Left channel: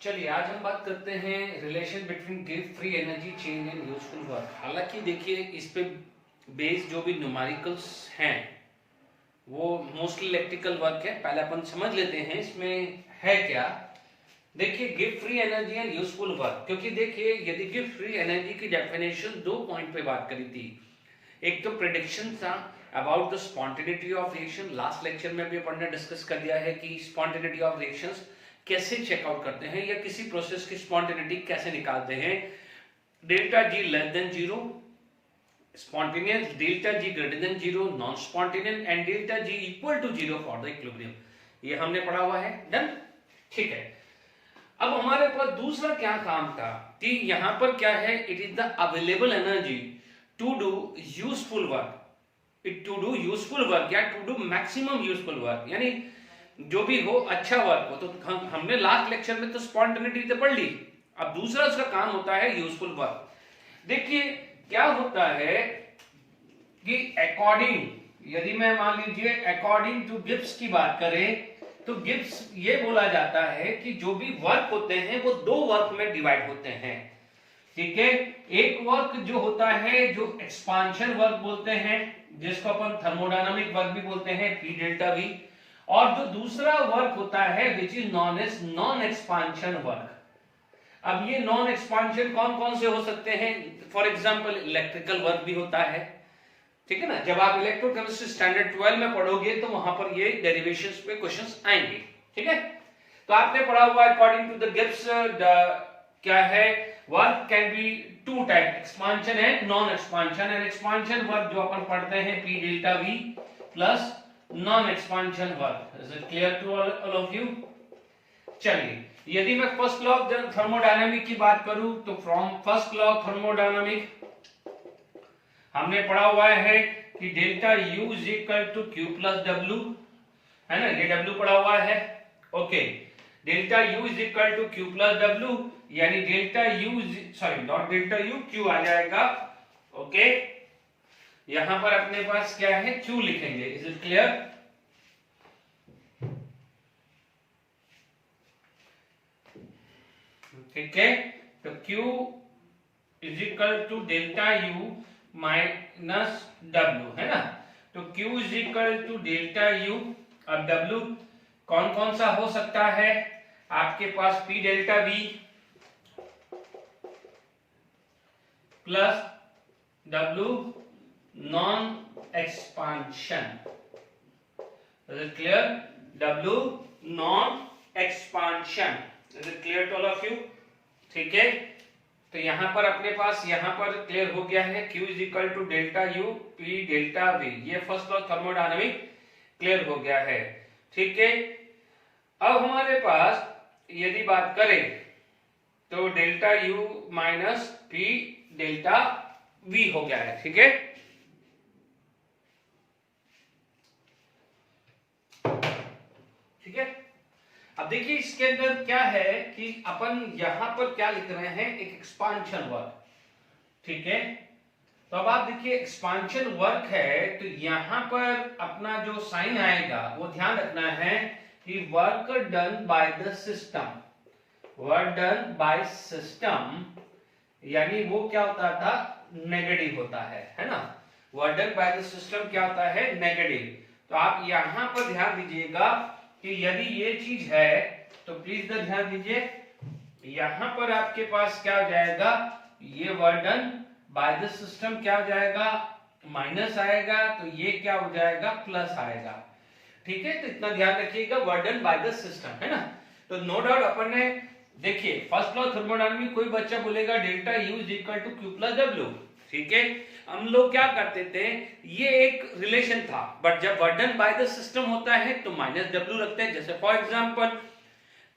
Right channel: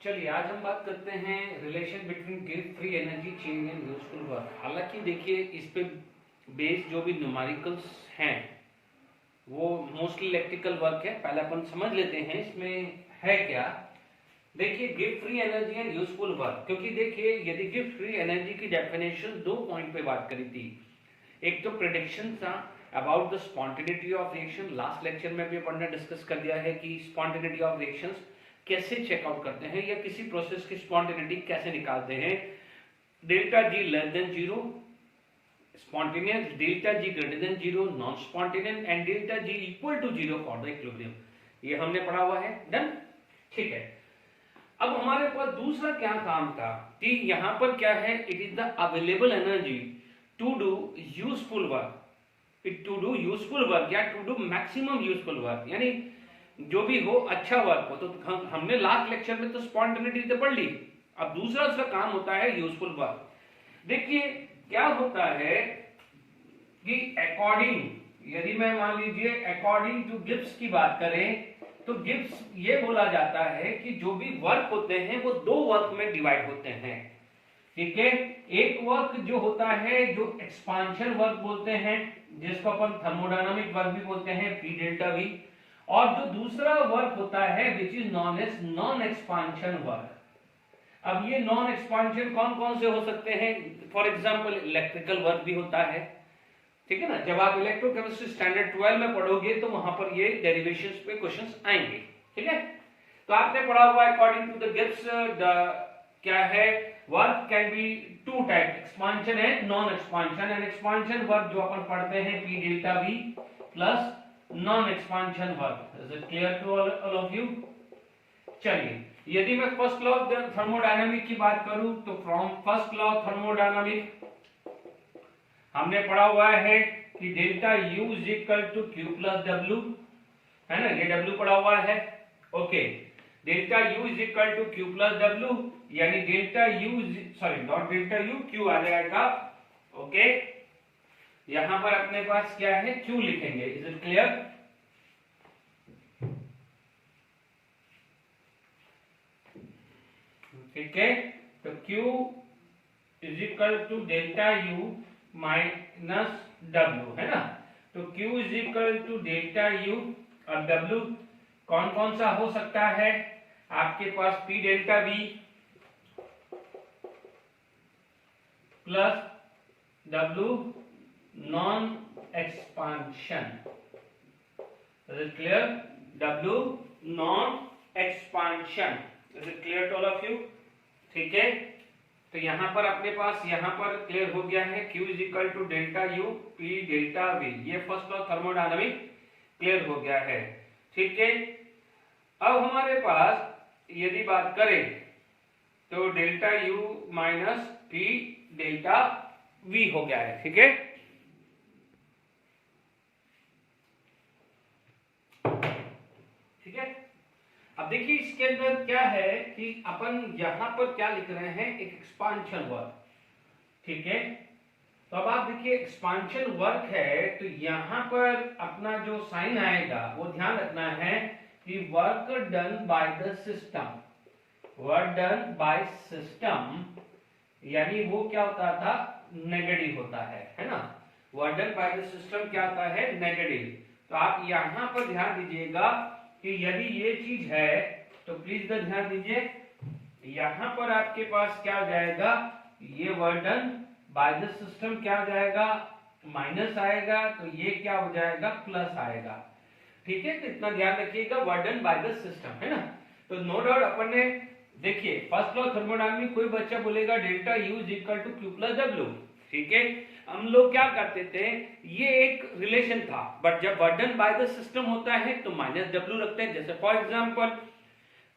चलिए आज हम बात करते हैं relation between give free energy change and useful work. हालांकि देखिए इस पे बेस जो भी न्यूमेरिकल्स हैं वो मोस्टली इलेक्ट्रिकल वर्क है। पहले अपन समझ लेते हैं इसमें है क्या। देखिए give free energy and useful work, क्योंकि देखिए यदि गिव फ्री एनर्जी की डेफिनेशन दो पॉइंट पे बात करी थी। एक तो प्रेडिक्शन था about the spontaneity of reaction. Last lecture में भी अपन ने डिस्कस कर दिया है कि स्पॉन्टेनिटी ऑफ रिएक्शंस कैसे चेकआउट करते हैं या किसी प्रोसेस की स्पॉन्टेनिटी कैसे निकालते हैं। Delta G less than zero spontaneous, delta G greater than zero non spontaneous and delta G equal to zero for the equilibrium. ये हमने पढ़ा हुआ है, डन। ठीक है, अब हमारे पास दूसरा क्या काम था कि यहां पर क्या है, it is the available energy to do useful work, to do useful work या to do maximum useful work, यानी जो भी हो अच्छा वर्क हो। तो हमने लास्ट लेक्चर में तो स्पॉन्टेनिटी तो पढ़ ली। अब दूसरा उसका काम होता है यूजफुल वर्क। देखिए क्या होता है कि अकॉर्डिंग, यदि मैं मान लीजिए अकॉर्डिंग टू गिब्स की बात करें तो गिब्स ये बोला जाता है कि जो भी वर्क होते हैं वो दो वर्क में डिवाइड होते हैं। ठीक है, एक वर्क जो होता है जो एक्सपांशन वर्क बोलते हैं, जिसको अपन थर्मोडायनामिक वर्क भी बोलते हैं, पी डेल्टा वी, और जो दूसरा वर्क होता है which is non as non expansion work. अब ये नॉन एक्सपांशन कौन कौन से हो सकते हैं? फॉर एग्जांपल इलेक्ट्रिकल वर्क भी होता है। ठीक है ना, जब आप इलेक्ट्रोकेमिस्ट्री स्टैंडर्ड 12 में पढ़ोगे तो वहां पर ये डेरिवेशंस पे क्वेश्चंस आएंगे। ठीक है, तो आपने पढ़ा हुआ अकॉर्डिंग टू द गिब्स क्या है, work can be two type, expansion and non expansion. And expansion work जो अपन पढ़ते हैं P delta V plus non expansion work. Is it clear to all of you? चलिए, यदि मैं फर्स्ट लॉ ऑफ थर्मोडायनामिक की बात करूं तो from first law of thermodynamic हमने पढ़ा हुआ है कि delta U is equal to Q plus W, है ना, ये डब्ल्यू पढ़ा हुआ है। Okay, delta U is equal to Q plus W, यानी delta U sorry not delta U, Q आ जाएगा। ओके, यहां पर अपने पास क्या है, क्यू लिखेंगे। Is it clear? ठीक है, तो Q is equal to delta U minus W, है ना। तो Q is equal to delta U, अब W कौन कौन सा हो सकता है आपके पास, P delta V plus W non expansion. Is it clear? W non expansion. Is it clear to all of you? ठीक है, तो यहां पर अपने पास यहां पर क्लियर हो गया है, Q is equal to delta U P delta V। ये फर्स्ट लॉ थर्मोडायनामिक क्लियर हो गया है। ठीक है, अब हमारे पास यदि बात करें तो delta U minus P delta V हो गया है। ठीक है, ठीक है। अब देखिए इसके अंदर क्या है कि अपन यहां पर क्या लिख रहे हैं, एक एक्सपांशन वर्क। ठीक है, तो अब आप देखिए एक्सपांशन वर्क है तो यहां पर अपना जो साइन आएगा वो ध्यान रखना है कि work done by the system, work done by system, यानी वो क्या होता था, नेगेटिव होता है ना। Work done by the system क्या होता है, नेगेटिव। तो आप यहां पर ध्यान दीजिएगा कि यदि ये चीज है तो प्लीज ध्यान दीजिए, यहां पर आपके पास क्या हो जाएगा, ये work done by the system क्या हो जाएगा, माइनस आएगा, तो ये क्या हो जाएगा, प्लस आएगा। ठीक है, तो इतना ध्यान रखिएगा, work done by the system, है ना। तो नो डाउट अपन ने देखिए फर्स्ट लॉ थर्मोडायनामिक, कोई बच्चा बोलेगा delta U is equal to Q plus W. ठीक है, हम लोग क्या करते थे, ये एक रिलेशन था, बट जब work done by the system होता है तो माइनस डब्ल्यू रखते हैं। जैसे फॉर एग्जांपल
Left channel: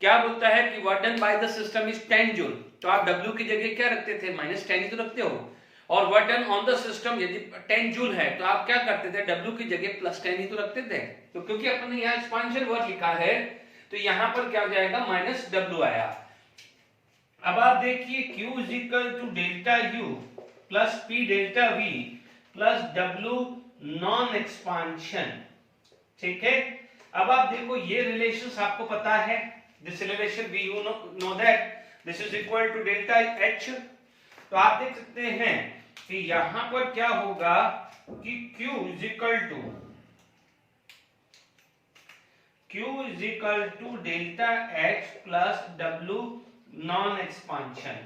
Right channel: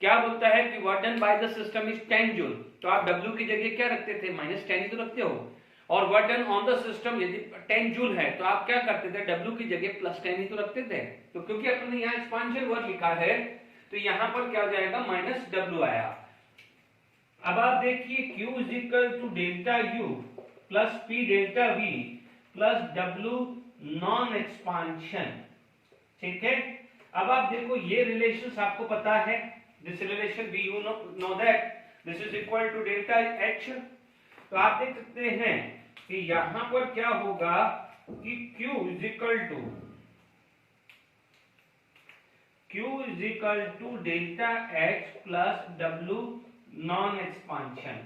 क्या बोलता है कि work done by the system is 10 joule, तो आप डब्ल्यू की जगह क्या रखते थे, माइनस 10 ही तो रखते हो। और work done on the system यदि 10 जूल है तो आप क्या करते थे, डब्ल्यू की जगह प्लस 10 ही तो रखते थे। तो क्योंकि अपने यहाँ एक्सपांशन वर्क लिखा है तो यहां पर क्या हो जाएगा, माइनस डब्ल्यू आया। अब आप देखिए Q is equal to delta U plus P delta V plus W non expansion. ठीक है, अब आप देखो ये रिलेशंस आपको पता है, this relation we you know that this is equal to delta H. तो आप देख सकते हैं कि यहां पर क्या होगा कि Q is equal to delta H plus W non expansion.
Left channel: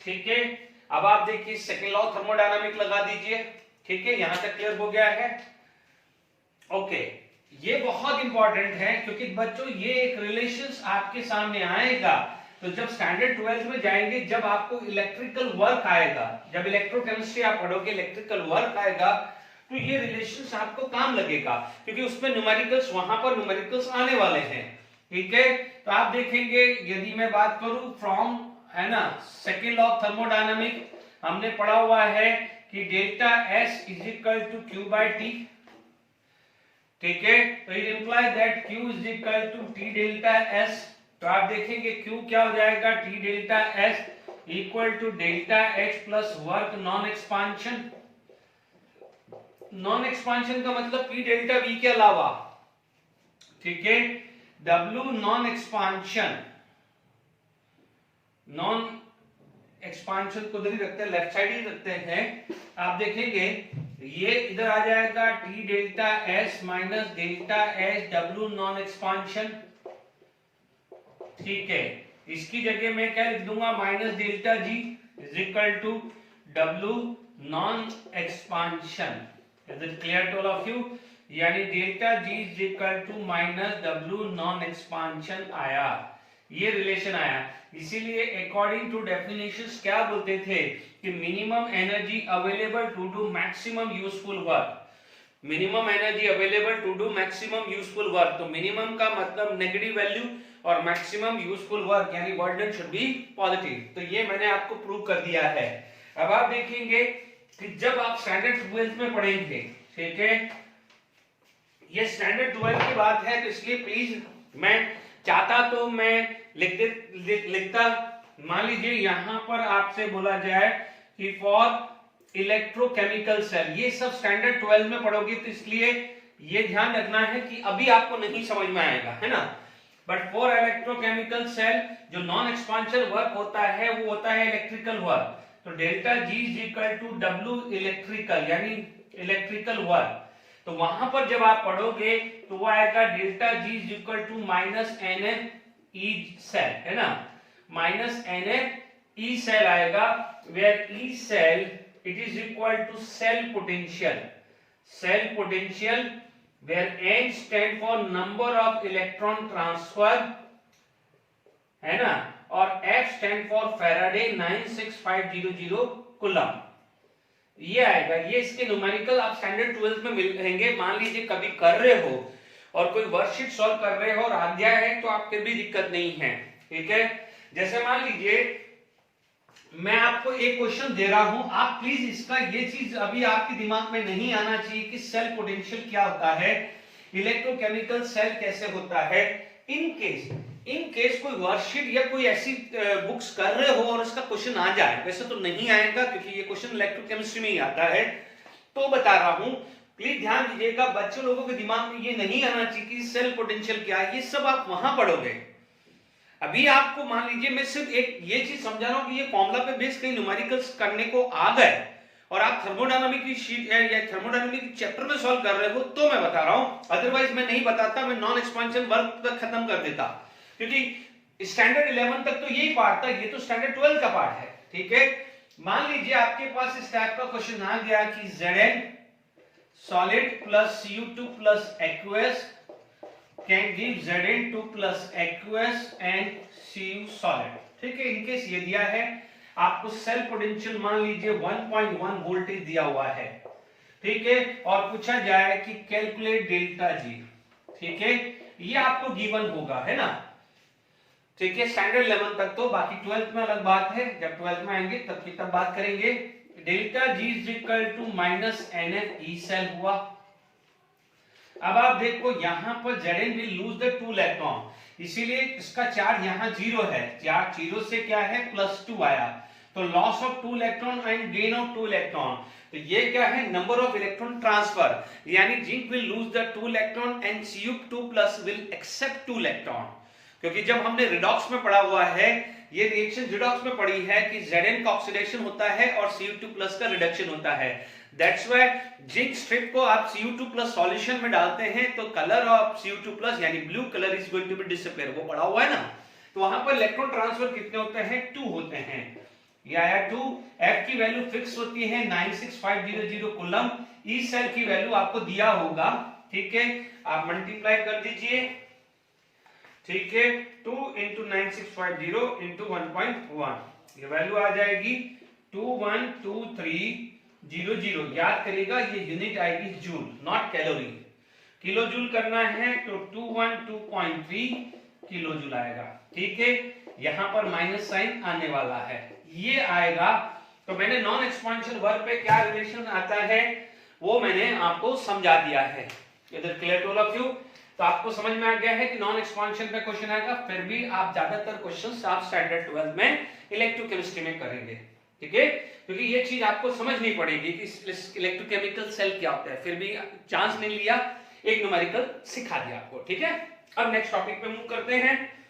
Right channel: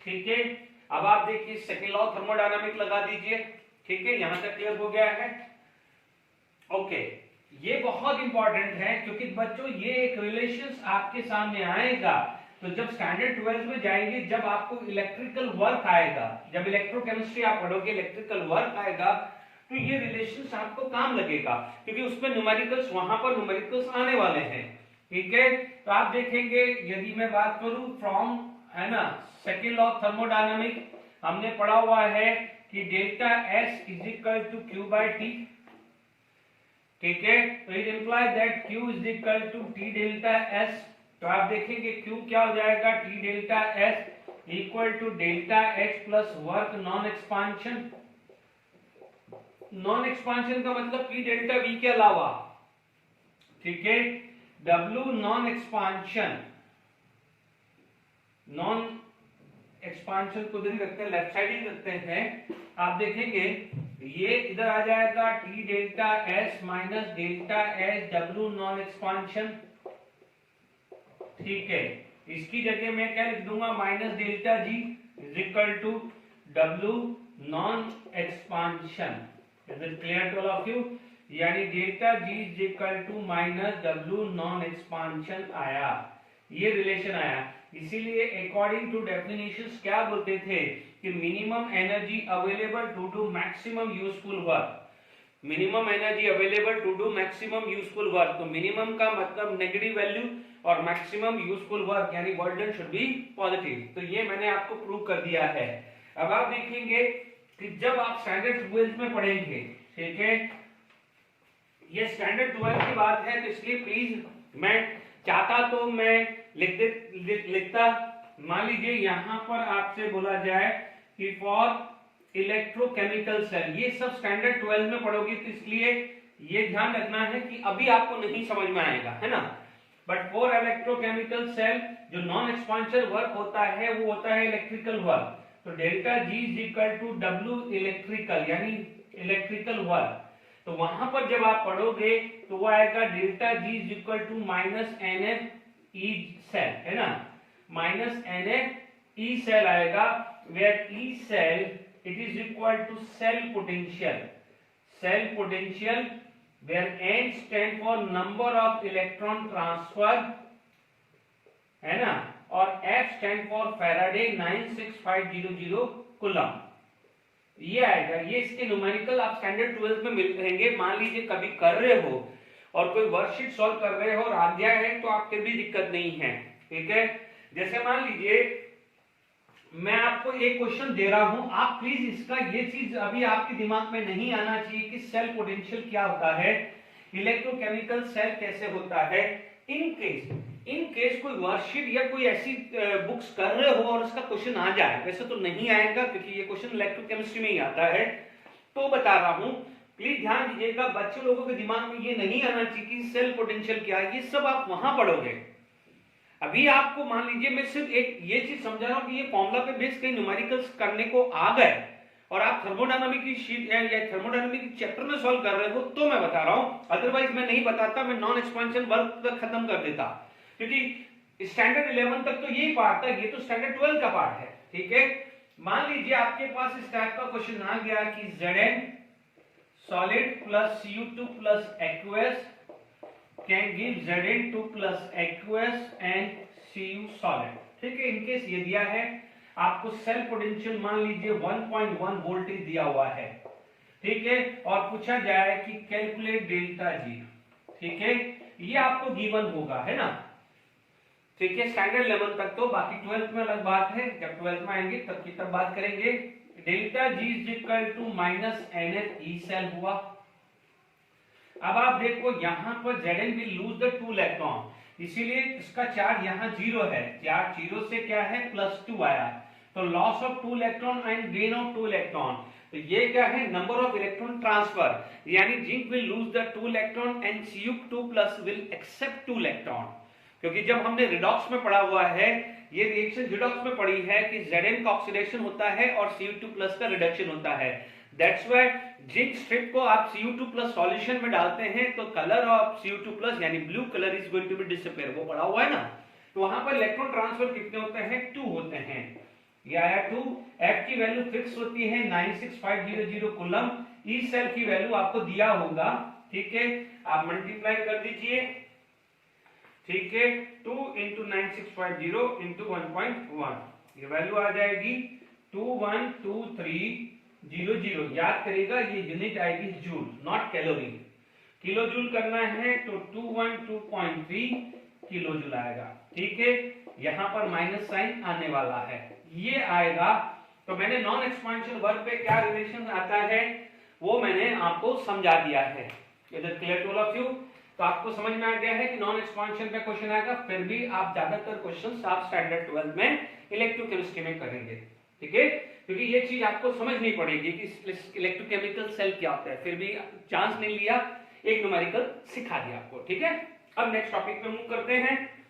ठीक है, अब आप देखिए सेकेंड लॉ थर्मोडायनामिक लगा दीजिए। ठीक है, यहां तक क्लियर हो गया है। ओके, ये बहुत इंपॉर्टेंट है क्योंकि बच्चों ये एक रिलेशंस आपके सामने आएगा तो जब स्टैंडर्ड 12th में जाएंगे, जब आपको इलेक्ट्रिकल वर्क आएगा, जब इलेक्ट्रोकेमिस्ट्री आप पढ़ोगे, इलेक्ट्रिकल वर्क आएगा, तो ये रिलेशंस आपको काम लगेगा क्योंकि उसमें न्यूमेरिकल्स, वहां पर न्यूमेरिकल्स आने वाले हैं। ठीक है, तो आप देखेंगे यदि मैं बात करूं फ्रॉम, है ना, सेकेंड लॉ ऑफ थर्मोडायनामिक हमने पढ़ा हुआ है कि delta S is equal to Q by T. ठीक है, तो it imply that Q is equal to T delta S. तो आप देखेंगे Q क्या हो जाएगा, T delta S equal to delta H plus work non expansion. Non expansion का मतलब P डेल्टा V के अलावा। ठीक है, W non expansion, non expansion को इधर ही रखते हैं, लेफ्ट साइड ही रखते हैं। आप देखेंगे ये इधर आ जाएगा T delta S minus delta H W non expansion. ठीक है, इसकी जगह मैं क्या लिख दूंगा, minus delta G is equal to W non expansion. Is it clear to all of you? यानी delta G is equal to minus W non expansion आया, ये रिलेशन आया। इसीलिए अकॉर्डिंग टू डेफिनेशंस क्या बोलते थे कि minimum energy available to do maximum useful work. Minimum energy available to do maximum useful work, तो मिनिमम का मतलब नेगेटिव वैल्यू और मैक्सिमम यूजफुल वर्क यानी वर्डन शुड बी पॉजिटिव। तो ये मैंने आपको प्रूव कर दिया है। अब आप देखेंगे कि जब आप स्टैंडर्ड 12th में पढ़ेंगे, ठीक है, ये स्टैंडर्ड 12th की बात है, तो इसलिए प्लीज मैं चाहता तो मैं लिखता, मान लीजिए यहां पर आपसे बोला जाए कि फॉर इलेक्ट्रोकेमिकल सेल, ये सब स्टैंडर्ड 12 में पढ़ोगे, तो इसलिए ये ध्यान रखना है कि अभी आपको नहीं समझ में आएगा, है ना। बट फॉर इलेक्ट्रोकेमिकल सेल जो नॉन एक्सपांशन वर्क होता है वो होता है इलेक्ट्रिकल वर्क। तो delta G is equal to W electrical यानी इलेक्ट्रिकल वर्क। तो वहां पर जब आप पढ़ोगे तो वो आएगा delta G is equal to minus NF E cell, है ना, माइनस NF E सेल आएगा, where E cell it is equal to cell potential, cell potential where N stand for number of electron transfer, है ना, और F stand for Faraday 96500 coulomb. ये आएगा, ये इसके न्यूमेरिकल आप स्टैंडर्ड 12 में मिलेंगे। मान लीजिए कभी कर रहे हो और कोई वर्कशीट सॉल्व कर रहे हो और आ गया है तो आपके भी दिक्कत नहीं है, ठीक है। जैसे मान लीजिए मैं आपको एक क्वेश्चन दे रहा हूं, आप प्लीज इसका ये चीज अभी आपके दिमाग में नहीं आना चाहिए कि सेल पोटेंशियल क्या होता है, इलेक्ट्रोकेमिकल सेल कैसे होता है। इन केस कोई वर्कशीट या कोई ऐसी बुक्स कर रहे हो और इसका क्वेश्चन आ जाए, वैसे तो नहीं आएगा क्योंकि ये क्वेश्चन इलेक्ट्रोकेमिस्ट्री में ही आता है, तो बता रहा हूं, प्लीज ध्यान दीजिएगा, बच्चे लोगों के दिमाग में ये नहीं आना चाहिए कि सेल पोटेंशियल क्या है, ये सब आप वहां पढ़ोगे। अभी आपको मान लीजिए मैं सिर्फ एक ये चीज समझा रहा हूं कि ये फॉर्मूला पे बेस कहीं न्यूमेरिकल्स करने को आ गए और आप थर्मोडायनामिक की शीट या थर्मोडायनामिक चैप्टर में सॉल्व कर रहे हो तो मैं बता रहा हूं, अदरवाइज मैं नहीं बताता, मैं नॉन एक्सपेंशन वर्क तक खत्म कर देता, क्योंकि स्टैंडर्ड 11 तक तो यही पार्ट था, ये तो स्टैंडर्ड 12 का पार्ट है, ठीक है। मान लीजिए आपके पास इस टाइप का क्वेश्चन आ गया कि Zn solid plus Cu2 plus aqueous can give Zn2 plus aqueous and Cu solid, ठीक है। इनकेस ये दिया है आपको सेल पोटेंशियल मान लीजिए 1.1 वोल्टेज दिया हुआ है, ठीक है, और पूछा जाए कि कैलकुलेट डेल्टा G, ठीक है, ये आपको गिवन होगा, है ना, ठीक है, स्टैंडर्ड 11 तक तो, बाकी 12th में अलग बात है, जब 12th में आएंगे तब की तब बात करेंगे। Delta G is equal to minus NF E cell हुआ। अब आप देखो यहां पर Zn will lose the 2 electron, इसीलिए इसका चार्ज यहां 0 है, चार्ज 0 से क्या है +2 आया, तो loss of 2 electron and gain of 2 electron. तो ये क्या है, नंबर ऑफ इलेक्ट्रॉन ट्रांसफर, यानी zinc will lose the 2 electron and Cu2+ will accept 2 electron. क्योंकि जब हमने रिडॉक्स में पढ़ा हुआ है, ये रिएक्शन रिडॉक्स में पढ़ी है कि Zn का ऑक्सीडेशन होता है और Cu2+ का रिडक्शन होता है। दैट्स व्हाई जिंक स्ट्रिप को आप Cu2+ सॉल्यूशन में डालते हैं तो कलर ऑफ Cu2+ यानी blue colour is going to be disappear, वो पढ़ा हुआ है ना। तो वहां पर इलेक्ट्रॉन ट्रांसफर कितने होते हैं, 2 होते हैं। ये आया 2। F की वैल्यू फिक्स होती है 96500 कूलम। ई सेल की वैल्यू आपको दिया होगा, ठीक है, आप मल्टीप्लाई कर दीजिए, ठीक है, 2 × 9650 × 1.1, ये वैल्यू आ जाएगी 212300। याद करेगा ये यूनिट आएगी joule, not calorie. Kilo joule करना है तो 212.3 किलो जूल आएगा, ठीक है। यहां पर माइनस साइन आने वाला है, ये आएगा। तो मैंने नॉन एक्सपेंशन वर्क पे क्या रिलेशन आता है वो मैंने आपको समझा दिया है। इधर clear to all of you. तो आपको समझ में आ गया है कि नॉन एक्सपेंशन पे क्वेश्चन आएगा, फिर भी आप ज्यादातर क्वेश्चंस आप स्टैंडर्ड 12 में इलेक्ट्रोकेमिस्ट्री में करेंगे, ठीक है, क्योंकि ये चीज आपको समझनी पड़ेगी कि इलेक्ट्रोकेमिकल सेल क्या होता है। फिर भी चांस नहीं लिया, एक न्यूमेरिकल सिखा दिया आपको, ठीक है। अब नेक्स्ट टॉपिक पे मूव करते हैं।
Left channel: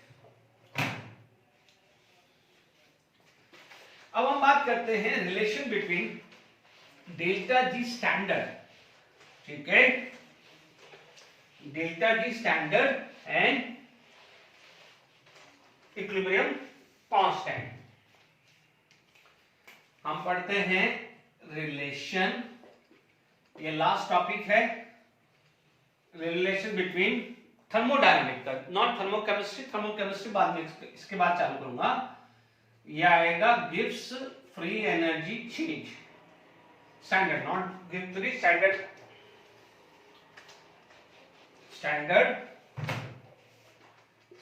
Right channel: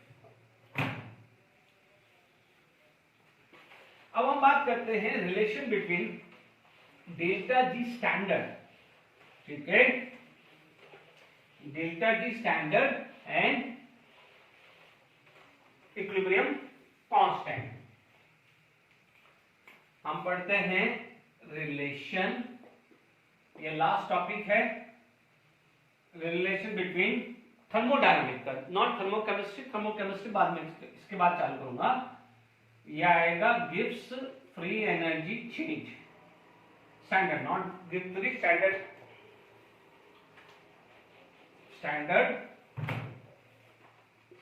अब हम बात करते हैं relation between delta G standard, ठीक है, delta G standard and equilibrium constant. हम पढ़ते हैं रिलेशन, ये लास्ट टॉपिक है, रिलेशन बिटवीन थर्मोडायनामिक का, नॉट थर्मोकेमिस्ट्री, थर्मोकेमिस्ट्री बाद में इसके बाद चालू करूंगा। यह आएगा Gibbs free energy change standard, not Gibbs free, standard, standard,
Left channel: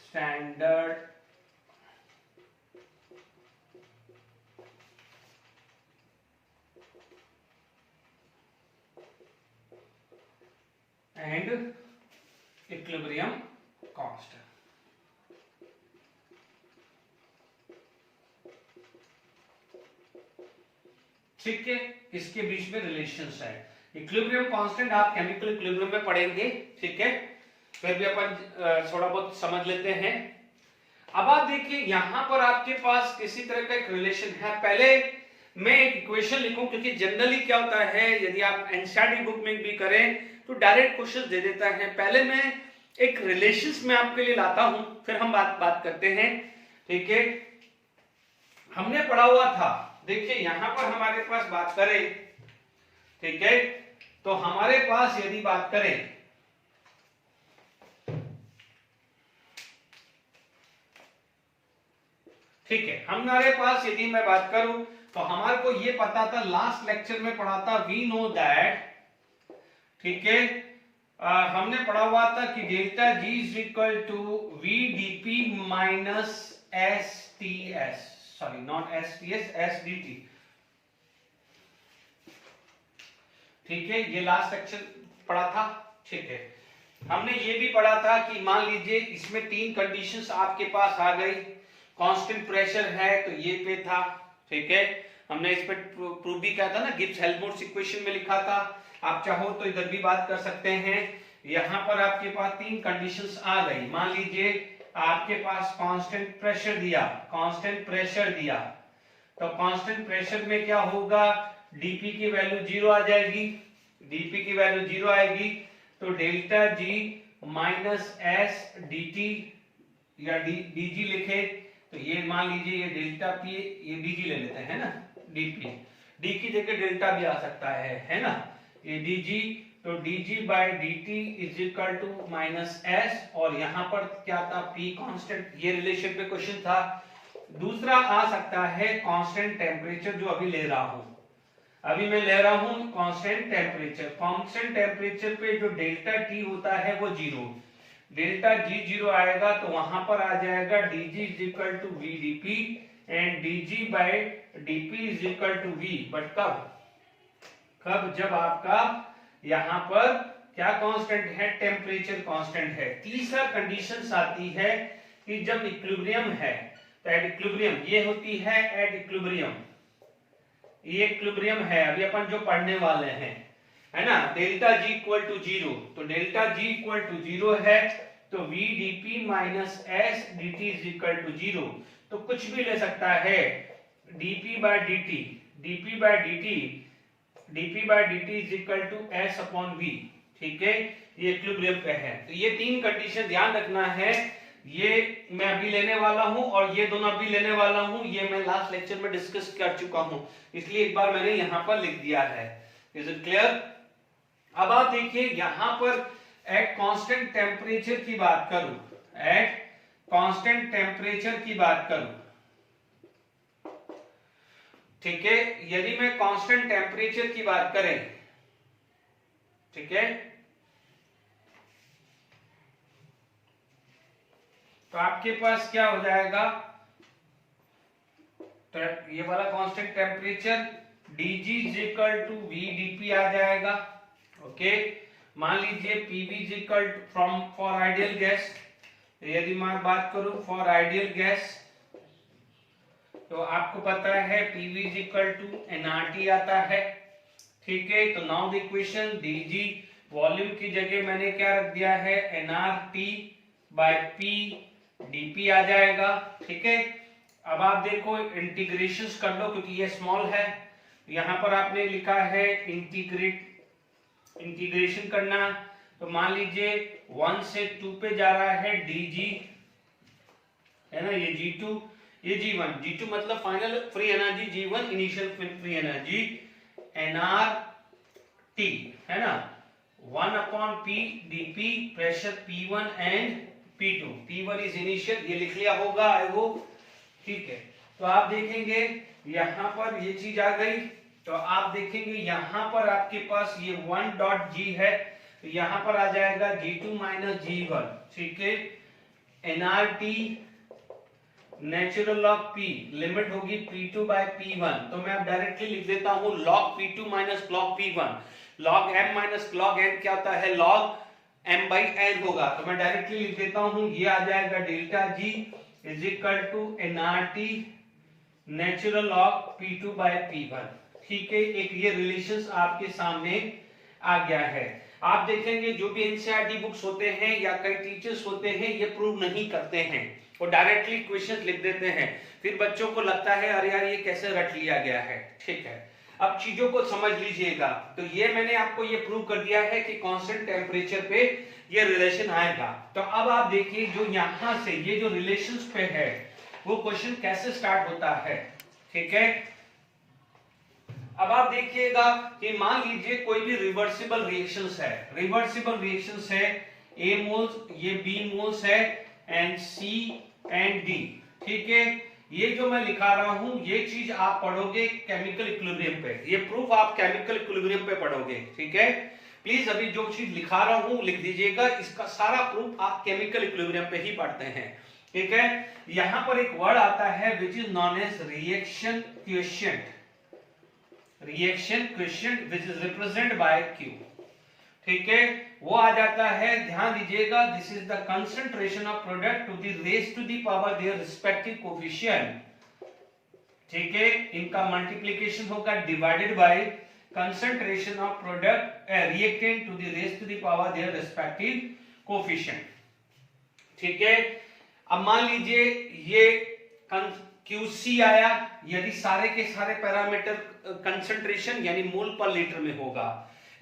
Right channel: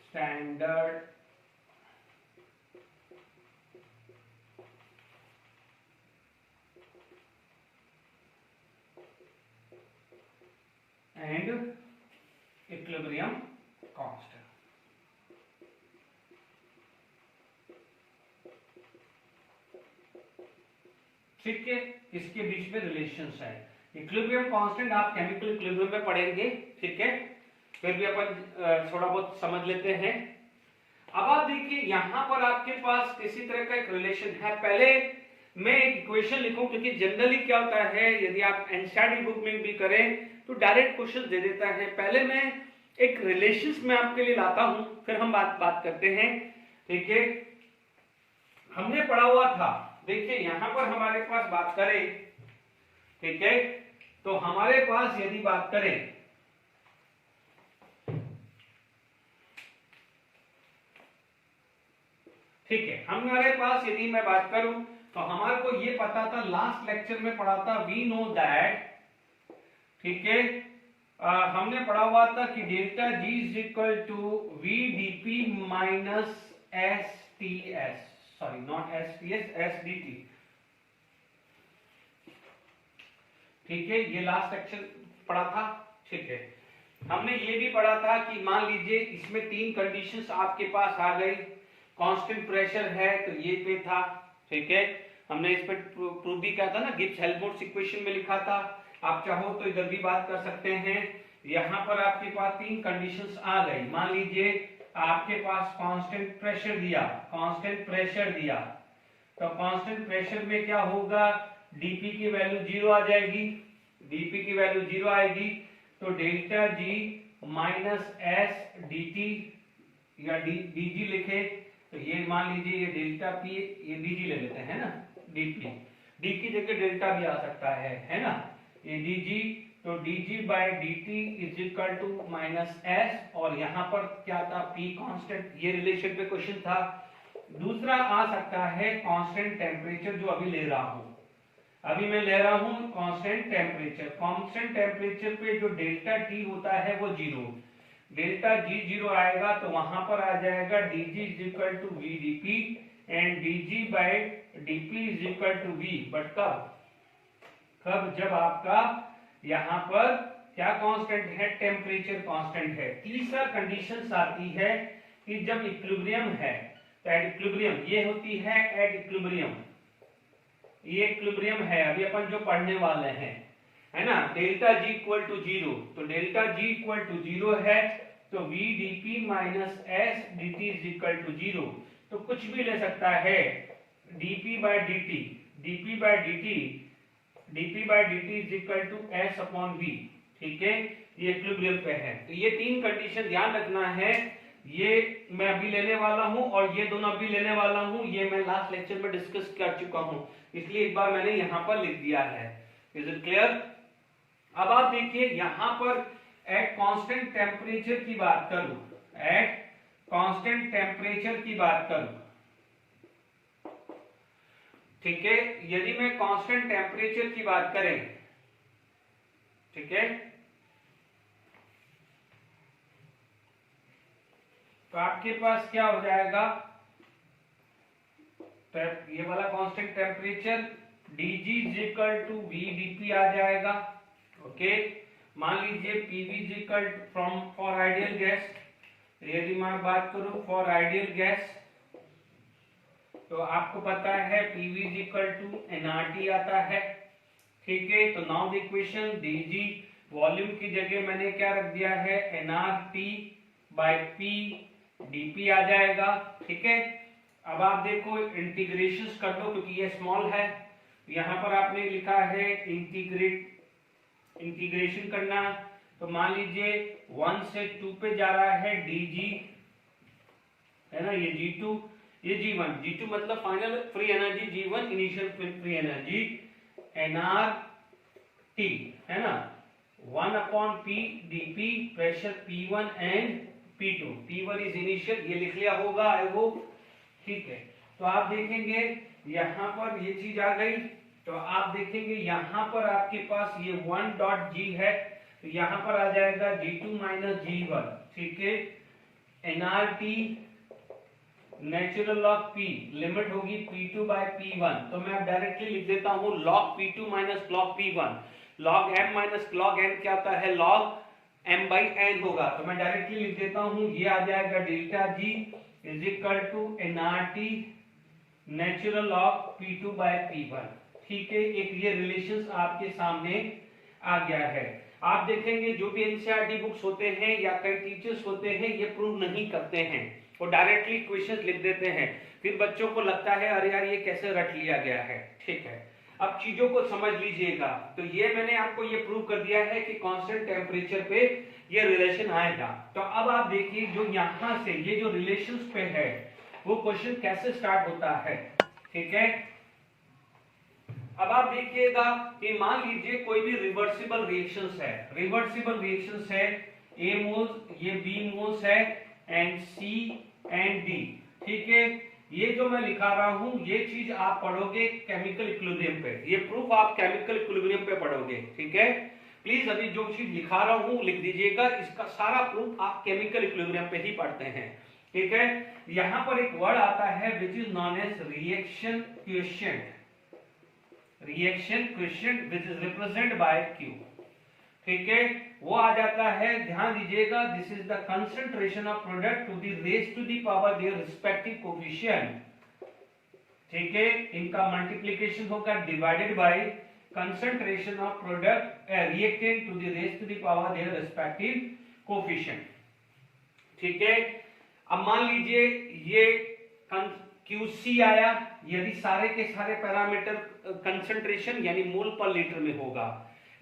standard and equilibrium constant. ठीक है, इसके बीच में रिलेशंस है। इक्विलिब्रियम कांस्टेंट आप केमिकल इक्विलिब्रियम में पढ़ेंगे, ठीक है, फिर भी अपन थोड़ा बहुत समझ लेते हैं। अब आप देखिए यहां पर आपके पास किसी तरह का एक रिलेशन है। पहले मैं एक इक्वेशन लिखूं, क्योंकि जनरली क्या होता है यदि आप एनसीईआरटी बुक में भी करें तो डायरेक्ट क्वेश्चन दे देता है। पहले मैं एक रिलेशंस में आपके लिए लाता हूं, फिर हम बात करते हैं, ठीक है। हमने पढ़ा हुआ था, देखिए यहां पर हमारे पास बात करें, ठीक है, तो हमारे पास यदि बात करें, ठीक है, हमारे पास यदि मैं बात करूं तो हमारे को ये पता था, लास्ट लेक्चर में पढ़ा था, वी नो दैट, ठीक है, हमने पढ़ा हुआ था कि delta G is equal to V DP minus S T S, sorry not S T S, S D T, ठीक है, ये लास्ट लेक्चर पढ़ा था, ठीक है। हमने ये भी पढ़ा था कि मान लीजिए इसमें 3 कंडीशंस आपके पास आ गई, कांस्टेंट प्रेशर है तो ये पे था, ठीक है, हमने इस पे प्रूफ भी किया था ना, गिब्स हेल्महोल्ट्ज इक्वेशन में लिखा था। आप चाहो तो इधर भी बात कर सकते हैं। यहां पर आपके पास 3 कंडीशंस आ गई। मान लीजिए आपके पास कांस्टेंट प्रेशर दिया, कांस्टेंट प्रेशर दिया, तो कांस्टेंट प्रेशर में क्या होगा, डीपी की वैल्यू 0 आ जाएगी, डीपी की वैल्यू 0 आएगी, तो delta G minus S D या डीजी लिखे तो ये मान लीजिए ये डेल्टा पी, ये डीजी ले लेते हैं ना, डीपी, डी की जगह डेल्टा भी आ सकता है ना, ये डीजी, तो DG by DT is equal to minus S, और यहां पर क्या था, पी कांस्टेंट, ये रिलेशन पे क्वेश्चन था। दूसरा आ सकता है कांस्टेंट टेम्परेचर, जो अभी ले रहा हूं, अभी मैं ले रहा हूं कांस्टेंट टेम्परेचर। कांस्टेंट टेम्परेचर पे जो डेल्टा टी होता है वो 0, डेल्टा जी 0 आएगा तो वहां पर आ जाएगा dg is equal to V DP and dg by dp is equal to v, but कब जब आपका यहां पर क्या कांस्टेंट है, टेम्परेचर कांस्टेंट है। तीसरा कंडीशन आती है कि जब इक्विलिब्रियम है, तो एट इक्विलिब्रियम ये होती है, एट इक्विलिब्रियम ये इक्विलिब्रियम है अभी अपन जो पढ़ने वाले हैं, है ना। डेल्टा जी इक्वल टू 0, तो डेल्टा जी इक्वल टू 0 है, तो v dp minus S dt is equal to 0। तो कुछ भी ले सकता है, dp by dt, dp by dt is equal to s upon v, ठीक है, ये इक्विलिब्रियम पे है। तो ये तीन कंडीशन ध्यान रखना है, ये मैं अभी लेने वाला हूं और ये दोनों अभी लेने वाला हूं, ये मैं लास्ट लेक्चर में डिस्कस कर चुका हूं, इसलिए एक बार मैंने यहां पर लिख दिया है। Is it clear? अब आप देखिए यहां पर एट कांस्टेंट टेम्परेचर की बात करूं, एट कांस्टेंट टेम्परेचर की बात करूं, ठीक है, यदि मैं कांस्टेंट टेम्परेचर की बात करें, ठीक है, तो आपके पास क्या हो जाएगा, तो ये वाला constant temperature dg is equal to v dp आ जाएगा। ओके, मान लीजिए pv is equal to from for ideal gas, यदि मैं बात करूं फॉर आइडियल गैस, तो आपको पता है pv is equal to nRT आता है, ठीक है। तो now the equation dg volume की जगह मैंने क्या रख दिया है, nRT बाय p dp आ जाएगा, ठीक है। अब आप देखो इंटीग्रेशंस कर लो, क्योंकि ये स्मॉल है, यहां पर आपने लिखा है इंटीग्रेशन करना, तो मान लीजिए 1 से 2 पे जा रहा है dg, है ना, ये g2, ये g1, g2 मतलब final free energy, g1 initial free energy, nRT, है ना, 1 upon p dp, pressure p1 and P2, P1 is initial, ये लिख लिया होगा आई होप, ठीक है। तो आप देखेंगे यहां पर ये चीज आ गई, तो आप देखेंगे यहां पर आपके पास ये 1 डॉट g है, तो यहां पर आ जाएगा g2 माइनस g1, ठीक है। nRT natural log p, limit होगी p2 बाय p1, तो मैं अब डायरेक्टली लिख देता हूं log p2 minus log p1, log m minus log n क्या होता है, log m by n होगा, तो मैं डायरेक्टली लिख देता हूं, ये आ जाएगा delta g is equal to nRT natural log p2 by p1, ठीक है। एक ये रिलेशंस आपके सामने आ गया है। आप देखेंगे जो भी एनसीईआरटी बुक्स होते हैं या कई टीचर्स होते हैं, ये प्रूव नहीं करते हैं, वो डायरेक्टली क्वेश्चंस लिख देते हैं, फिर बच्चों को लगता है अरे यार ये कैसे रट लिया गया है, ठीक है। अब चीजों को समझ लीजिएगा, तो ये मैंने आपको ये प्रूव कर दिया है कि कांस्टेंट टेम्परेचर पे ये रिलेशन आएगा। तो अब आप देखिए जो यहां से ये जो रिलेशंस पे है वो क्वेश्चन कैसे स्टार्ट होता है, ठीक है। अब आप देखिएगा कि मान लीजिए कोई भी रिवर्सिबल रिएक्शंस है, रिवर्सिबल रिएक्शंस है, A मोल्स, ये B मोल्स है, एंड C एंड D, ठीक है। ये जो मैं लिखा रहा हूं ये चीज आप पढ़ोगे केमिकल इक्विलिब्रियम पे, ये प्रूफ आप केमिकल इक्विलिब्रियम पे पढ़ोगे, ठीक है। प्लीज अभी जो चीज लिखा रहा हूं लिख दीजिएगा, इसका सारा प्रूफ आप केमिकल इक्विलिब्रियम पे ही पढ़ते हैं, ठीक है। यहां पर एक वर्ड आता है which is non as reaction quotient, reaction quotient which is represent by Q, ठीक है, वो आ जाता है। ध्यान दीजिएगा, this is the concentration of product to the raise to the power their respective coefficient, ठीक है। इनका मल्टीप्लिकेशन होगा divided by concentration of product reactant to the raise to the power their respective coefficient, ठीक है। अब मान लीजिए ये QC आया, यदि सारे के सारे पैरामीटर कंसंट्रेशन यानी मोल पर लीटर में होगा,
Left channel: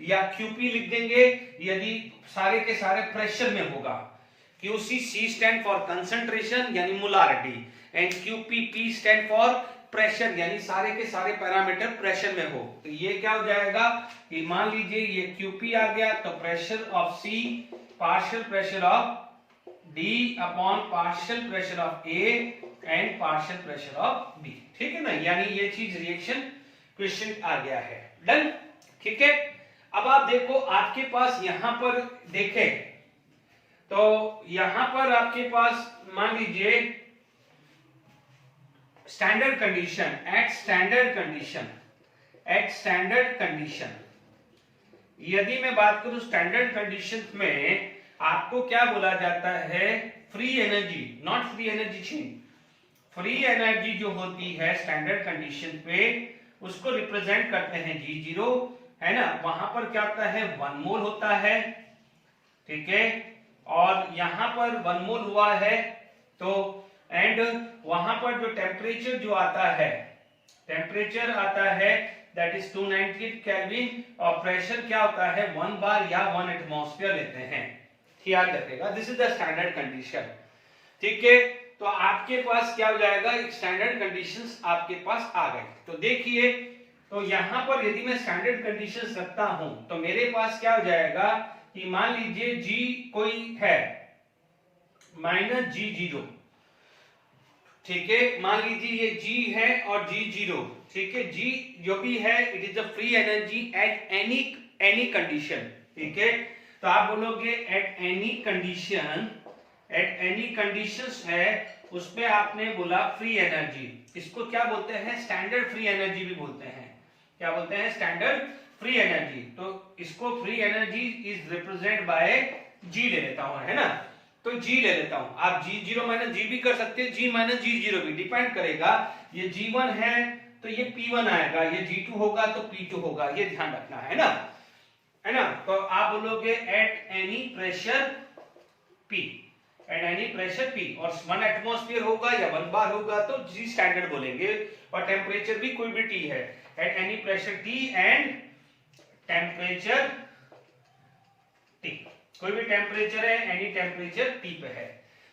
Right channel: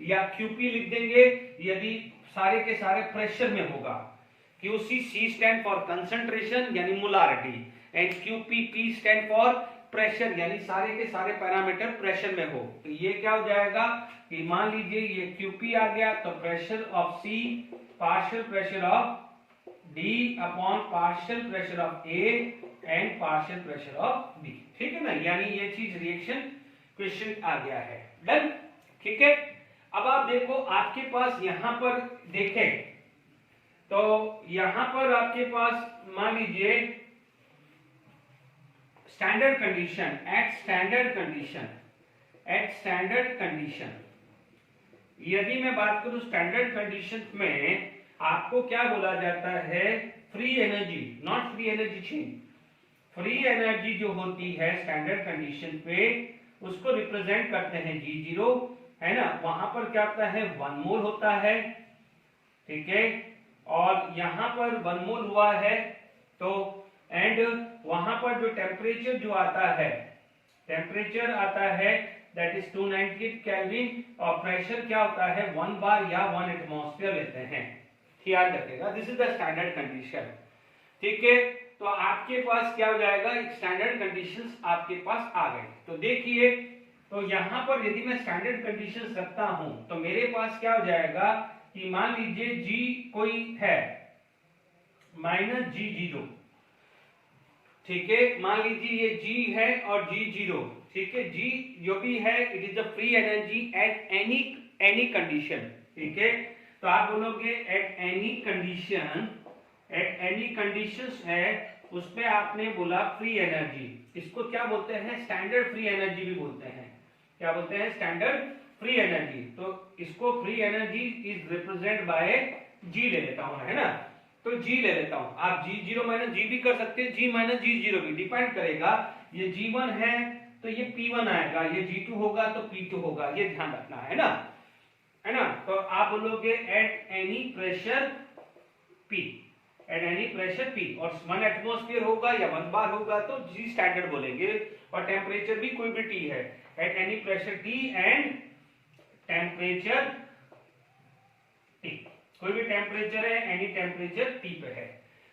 या QP लिख देंगे यदि सारे के सारे प्रेशर में होगा। QC C stand for concentration यानी molarity, and QP stand for pressure यानी सारे के सारे पैरामीटर प्रेशर में हो। तो ये क्या हो जाएगा कि मान लीजिए ये QP आ गया, तो pressure of C partial pressure of D upon partial pressure of A and partial pressure of B, ठीक है ना। यानी ये चीज रिएक्शन क्वेश्चन आ गया है, डन, ठीक है। अब आप देखो आपके पास यहां पर देखें, तो यहां पर आपके पास मान लीजिए standard condition, at standard condition, at standard condition, यदि मैं बात करूं स्टैंडर्ड कंडीशन में आपको क्या बोला जाता है, free energy, not free energy change, free energy जो होती है स्टैंडर्ड कंडीशन पे उसको रिप्रेजेंट करते हैं G0, है ना। वहां पर क्या होता है 1 मोल होता है, ठीक है, और यहां पर 1 मोल हुआ है तो एंड वहां पर जो टेम्परेचर जो आता है, टेम्परेचर आता है दैट इज 298 केल्विन और प्रेशर क्या होता है 1 बार या 1 एटमॉस्फेयर लेते हैं, याद रखेगा। This is the standard condition, ठीक है। तो आपके पास क्या हो जाएगा, एक स्टैंडर्ड कंडीशंस आपके पास आ गए। तो देखिए, तो यहां पर यदि मैं स्टैंडर्ड कंडीशंस रखता हूं तो मेरे पास क्या हो जाएगा कि मान लीजिए G कोई है -G0, ठीक है, मान लीजिए ये G है और G0, ठीक है। G जो भी है it is the free energy at any condition, ठीक है। तो आप बोलोगे at any condition, at any conditions है उस पे आपने बोला फ्री एनर्जी, इसको क्या बोलते हैं स्टैंडर्ड फ्री एनर्जी भी बोलते हैं, क्या बोलते हैं स्टैंडर्ड फ्री एनर्जी। तो इसको free energy is represent bye G ले लेता हूं, है ना। तो G ले लेता हूं, आप G0 माइनस G भी कर सकते हैं, G माइनस G0 भी डिपेंड करेगा। ये G1 है तो ये P1 आएगा, ये G2 होगा तो P2 होगा, ये ध्यान रखना है ना, है ना। तो आप बोलोगे at any pressure P, at any pressure P और 1 एटमॉस्फेयर होगा या 1 बार होगा तो G स्टैंडर्ड बोलेंगे, और टेम्परेचर भी कोई भी T है, at any pressure T and temperature T, कोई भी टेम्परेचर है, एनी टेम्परेचर T पे है।